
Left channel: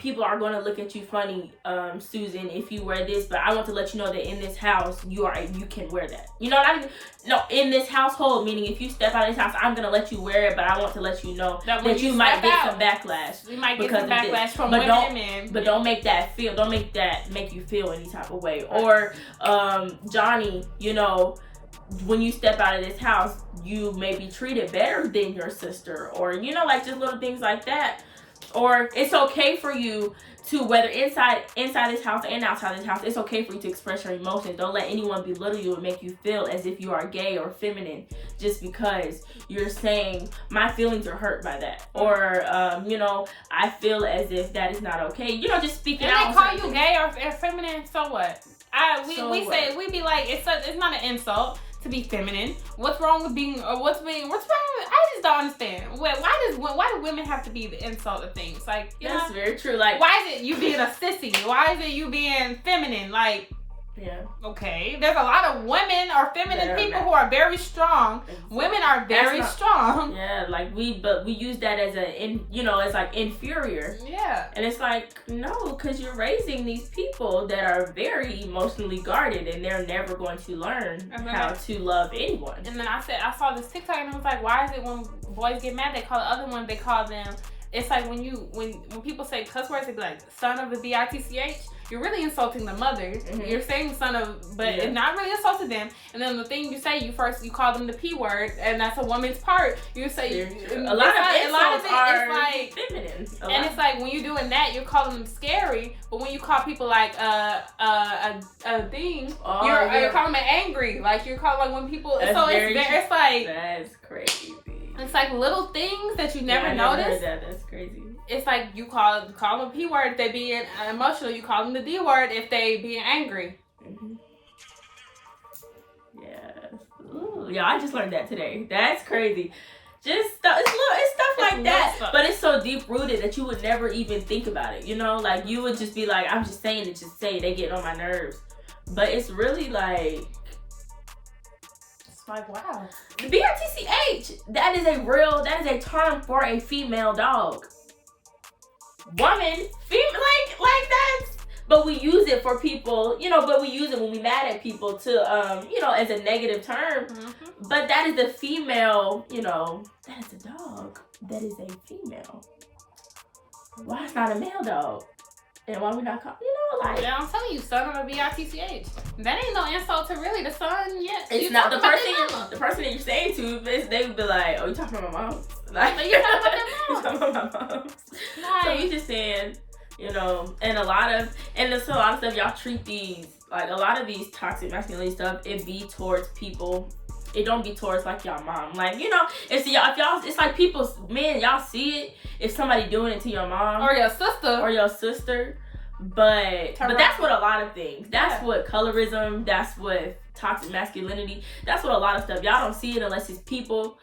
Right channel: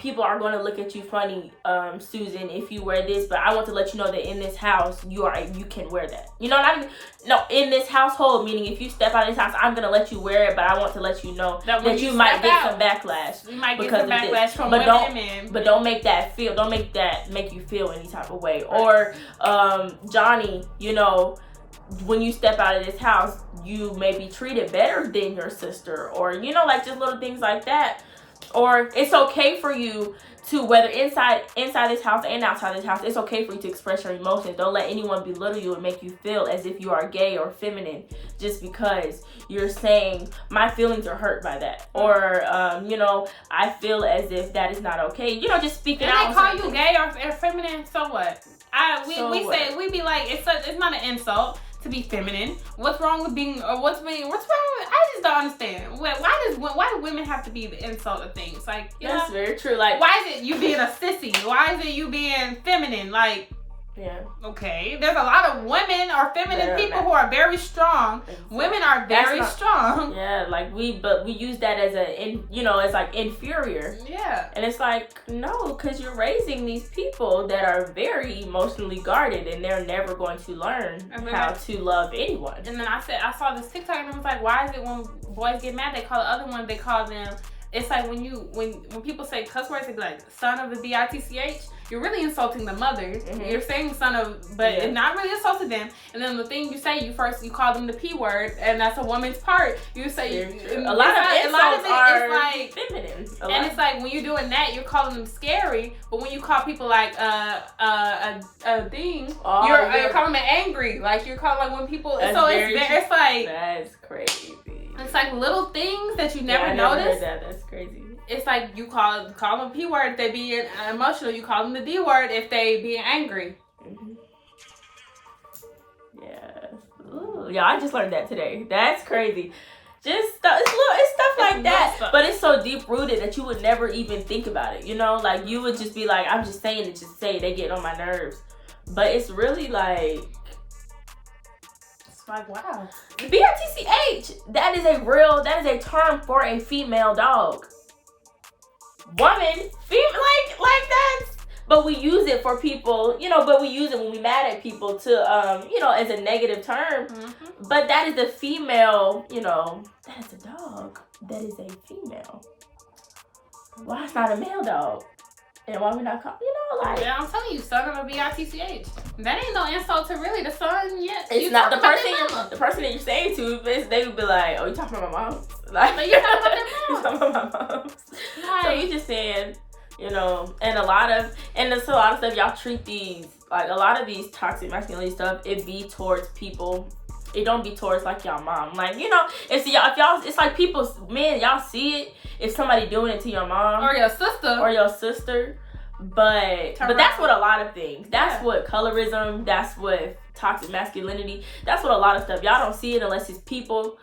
people are going to look at you funny, Susan, if you wear this. But I want to let you know that in this house, you can wear that. You know what I mean? No, in this household, meaning if you step out of this house, I'm going to let you wear it, but I want to let you know that you might get some backlash. You might get some backlash from women and men. But don't make that make you feel any type of way. Right. Or, Johnny, you know, when you step out of this house, you may be treated better than your sister, or, you know, like just little things like that. Or it's okay for you to, whether inside this house and outside this house, it's okay for you to express your emotions. Don't let anyone belittle you and make you feel as if you are gay or feminine just because you're saying my feelings are hurt by that, or you know, I feel as if that is not okay. You know, just speaking out. And they call you gay or feminine, so what? We be like, it's not an insult to be feminine. What's wrong with being, or what's wrong with, I just don't understand. Why do women have to be the insult of things? Like, that's very true. Like, why is it you being a sissy? Why is it you being feminine? Like, yeah. Okay. There's a lot of women or feminine people who are very strong. Exactly. Women are very strong. Yeah, like we use that as it's like inferior. Yeah. And it's like, no, because you're raising these people that are very emotionally guarded and they're never going to learn how to love anyone. And then I saw this TikTok and it was like, why is it when boys get mad, they call the other one, they call them, it's like when people say cuss words, they be like, son of a bitch. You're really insulting the mother. Mm-hmm. You're saying son of, but it's not really insulting them. And then the thing you say, you call them the P word, and that's a woman's part. You say a lot of it is like feminine. And it's like when you're doing that, you're calling them scary. But when you call people like a thing, you're calling them angry. Like you're calling like when people. So it's like that's crazy. It's like little things that you never notice. That's crazy. It's like you call them P word if they being emotional. You call them the D word if they being angry. Mm-hmm. Yeah. Ooh, yeah, I just learned that today. That's crazy. Just it's stuff like that. But it's so deep rooted that you would never even think about it. You know, like you would just be like, I'm just saying it, just say it. They get on my nerves. But it's really like. Like, wow. BRTCH, that is a term for a female dog. Woman, like that's, but we use it for people, you know, but we use it when we mad at people to, you know, as a negative term. Mm-hmm. But that is a female, you know, that is a dog. That is a female. Why it's not a male dog? And why we not call, you know, like. Yeah, I'm telling you, son of a bitch. That ain't no insult to really the son yet. It's not the person that you're saying to, they would be like, oh, you talking about my mom? Like, but you talking about their mom. You talking about my mom. Like, so we just saying, you know, and a lot of stuff, y'all treat these, like a lot of these toxic masculinity stuff, it be towards people. It don't be towards like y'all mom. Like, you know, if y'all, it's like people's, man, y'all see it. If somebody doing it to your mom or your sister, but that's what a lot of things. That's what colorism. That's what toxic masculinity. That's what a lot of stuff. Y'all don't see it unless it's people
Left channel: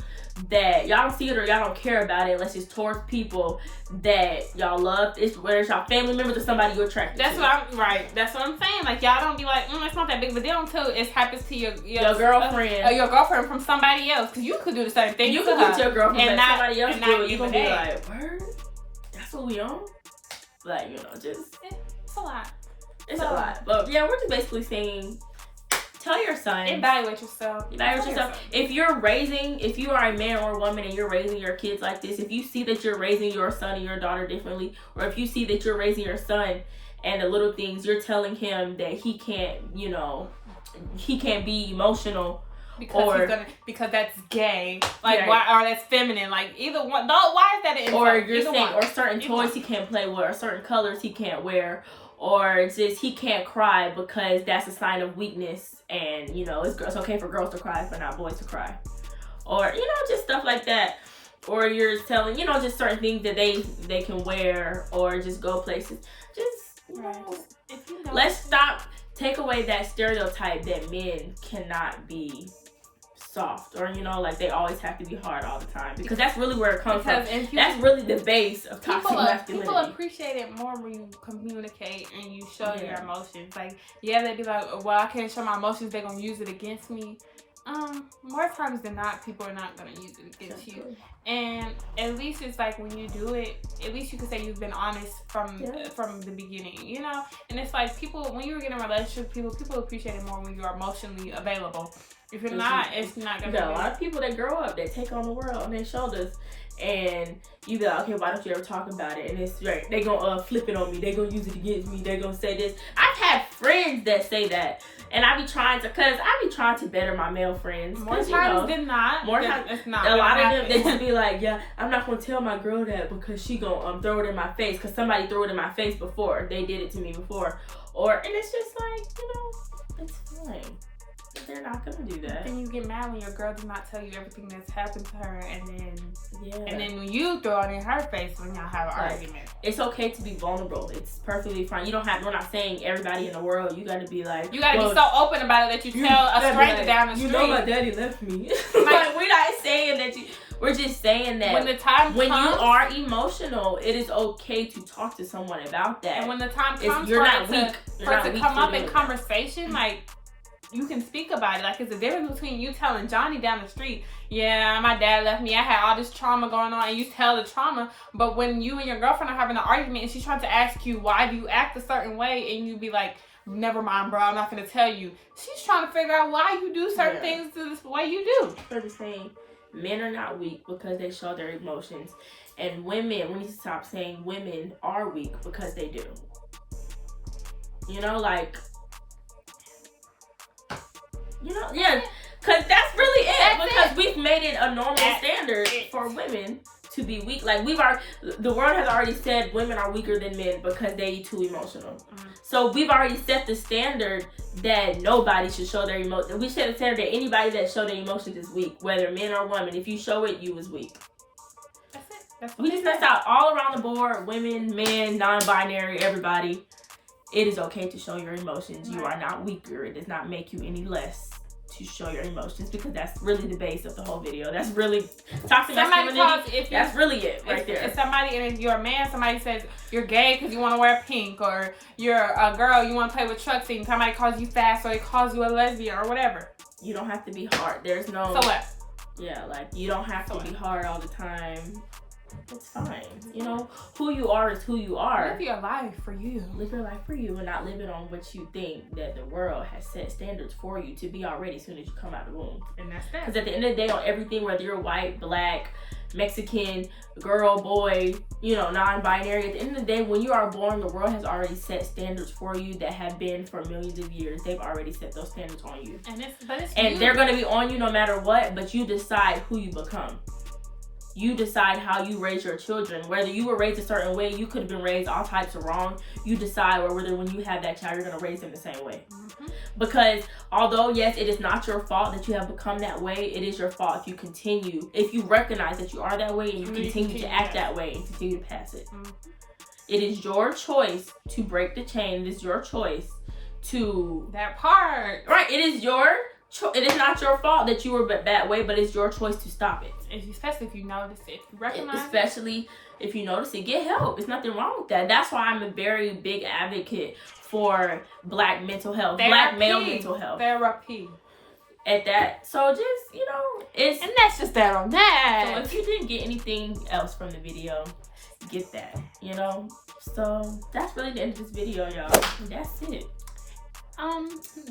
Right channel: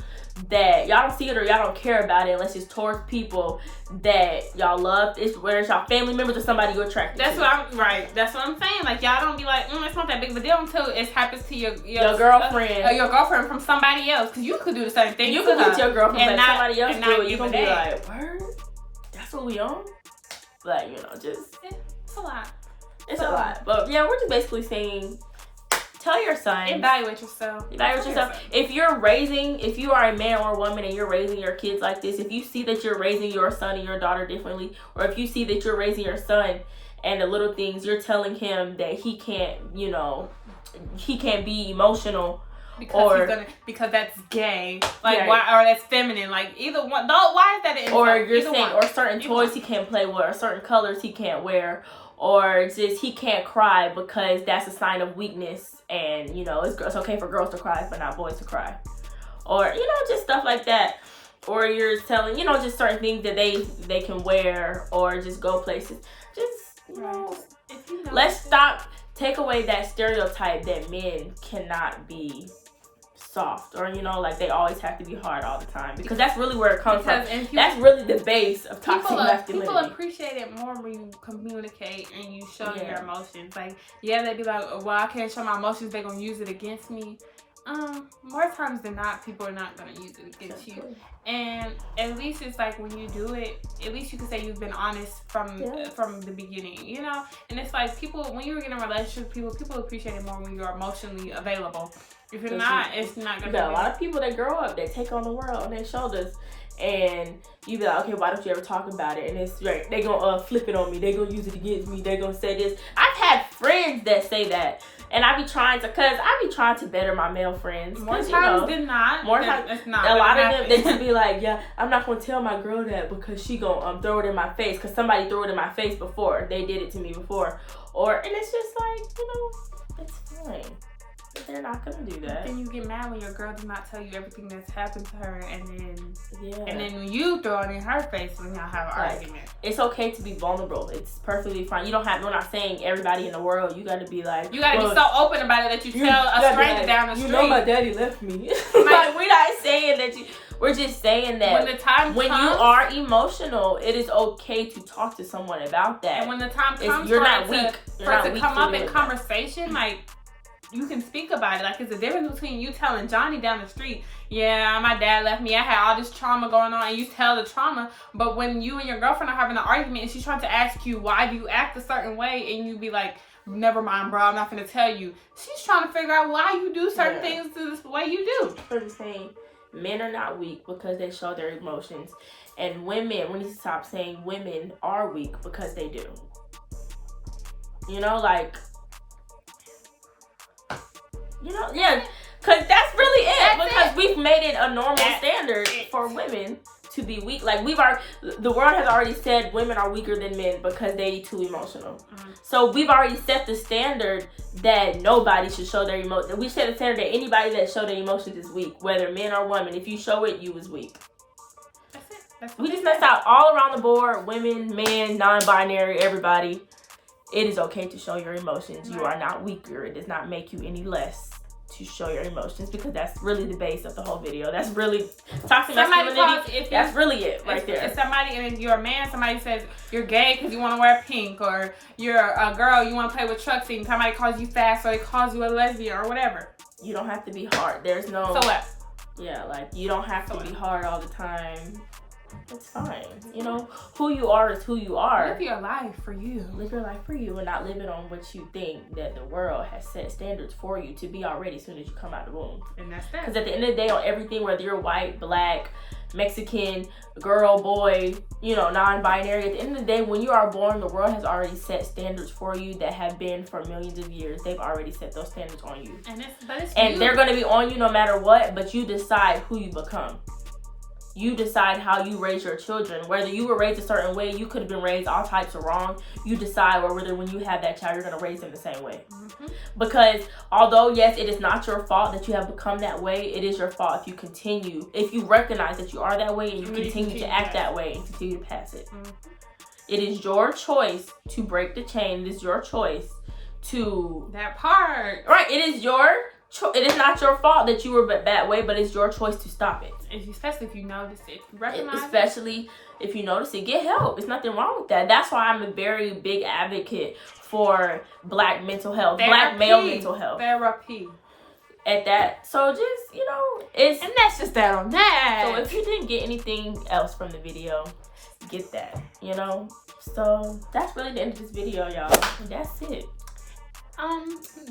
that y'all don't see it, or y'all don't care about it unless it's towards people that y'all love. It's where it's y'all family members or somebody you're attracted That's to. That's what I'm saying. Like, y'all don't be like, it's not that big of a deal until it happens to your girlfriend. Your girlfriend from somebody else. Because you could do the same thing. You could get your girlfriend and somebody else and do it. You gonna be like, word? That's what we on? Like, you know, just it's a lot. It's a lot. But yeah, we're just basically saying, tell your son. Evaluate yourself. If you are a man or a woman and you're raising your kids like this, if you see that you're raising your son and your daughter differently, or if you see that you're raising your son and the little things, you're telling him that he can't, you know, he can't be emotional. Because that's gay, like why, or that's feminine, like either one. Though, why is that an insult? Or you're saying, or certain toys he can't play with, or certain colors he can't wear, or just he can't cry because that's a sign of weakness, and you know it's okay for girls to cry but not boys to cry, or you know just stuff like that. Or you're telling, you know, just certain things that they can wear or just go places. Just you know, let's stop. Take away that stereotype that men cannot be soft, or you know, like they always have to be hard all the time, because that's really where it comes from. That's really the base of toxic masculinity. People appreciate it more when you communicate and you show your emotions. Like, they'd be like, well, I can't show my emotions, they're gonna use it against me. More times than not, people are not gonna use it against you. And at least it's like when you do it, at least you can say you've been honest from the beginning, you know. And it's like people, when you're in a relationship, people appreciate it more when you're emotionally available. If you're not, it's not gonna. A lot of people, they grow up, they take on the world on their shoulders, and you be like, okay, why don't you ever talk about it? And it's right, they gonna flip it on me, they gonna use it against me, they gonna say this. I've had friends that say that. And I be trying to better my male friends. More times than not. More times, it's not. A lot of them, they just be like, yeah, I'm not going to tell my girl that because she going to throw it in my face. Because somebody threw it in my face before. They did it to me before. And it's just like, you know, it's fine. They're not going to do that. Then you get mad when your girl does not tell you everything that's happened to her. And then when you throw it in her face when y'all have an argument. It's okay to be vulnerable. It's perfectly fine. We're not saying everybody in the world. You got to be like. You got to be so open about it that you tell a stranger down the street. You know my daddy left me. Like, we're not saying that we're just saying that when the time comes, you are emotional, it is okay to talk to someone about that. And when the time comes for it to come up in conversation, like, you can speak about it. Like, it's a difference between you telling Johnny down the street, yeah, my dad left me, I had all this trauma going on, and you tell the trauma. But when you and your girlfriend are having an argument and she's trying to ask you why do you act a certain way, and you be like, never mind, bro, I'm not gonna tell you. She's trying to figure out why you do certain things the way you do. I'm just saying, men are not weak because they show their emotions, and women, we need to stop saying women are weak because they do. You know, like. You know, because that's really it. Because we've made it a normal standard for women to be weak. Like, the world has already said women are weaker than men because they too emotional. So we've already set the standard that nobody should show their emotions. We set the standard that anybody that show their emotions is weak, whether men or women. If you show it, you is weak. That's it. We just messed out all around the board. Women, men, non-binary, everybody. It is okay to show your emotions. You are not weaker. It does not make you any less to show your emotions, because that's really the base of the whole video. That's really toxic masculinity. That's really it right there. If somebody, and if you're a man, somebody says you're gay because you want to wear pink, or you're a girl, you want to play with trucks, and somebody calls you fast, or they calls you a lesbian or whatever. You don't have to be hard. There's no. So what? Yeah, like, you don't have to be hard all the time. It's fine. You know, who you are is who you are. Live your life for you. Live your life for you, and not live it on what you think that the world has set standards for you to be already as soon as you come out of the womb. And that's that. Because at the end of the day, on everything, whether you're white, black, Mexican, girl, boy, you know, non-binary, at the end of the day, when you are born, the world has already set standards for you that have been for millions of years. They've already set those standards on you. And they're going to be on you no matter what, but you decide who you become. You decide how you raise your children. Whether you were raised a certain way, you could have been raised all types of wrong. You decide whether when you have that child, you're going to raise them the same way. Because although, yes, it is not your fault that you have become that way, it is your fault if you recognize that you are that way and you continue to act that way and continue to pass it. It is your choice to break the chain. It is your choice to that part. Right, it is it is not your fault that you were that way, but it's your choice to stop it. Especially if you notice it, if you recognize Especially if you notice it, get help. There's nothing wrong with that. That's why I'm a very big advocate for Black mental health, Black male mental health. Therapy. At that. So just, you know, it's... And that's just that on that. So if you didn't get anything else from the video, get that, you know? So that's really the end of this video, y'all. And that's it.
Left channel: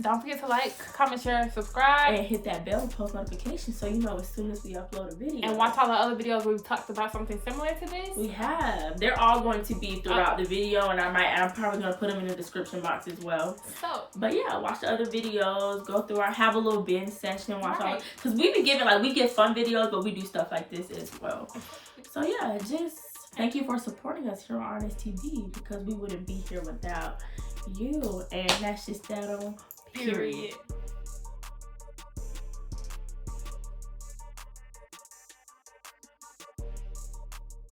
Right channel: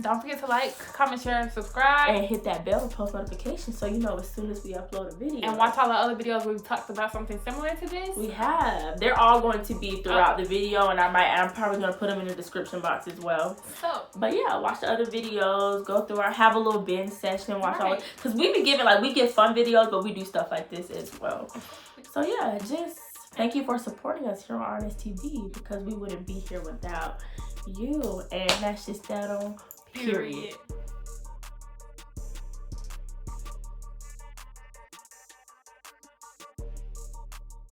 Don't forget to like, comment, share, and subscribe. And hit that bell and post notifications so you know as soon as we upload a video. And watch all the other videos we've talked about something similar to this. We have. They're all going to be throughout the video, and I'm probably going to put them in the description box as well. So, but yeah, watch the other videos, go through have a little binge session, watch all, because we be giving, like, we get fun videos, but we do stuff like this as well. So yeah, just thank you for supporting us here on Artist TV, because we wouldn't be here without you. And that's just that on period.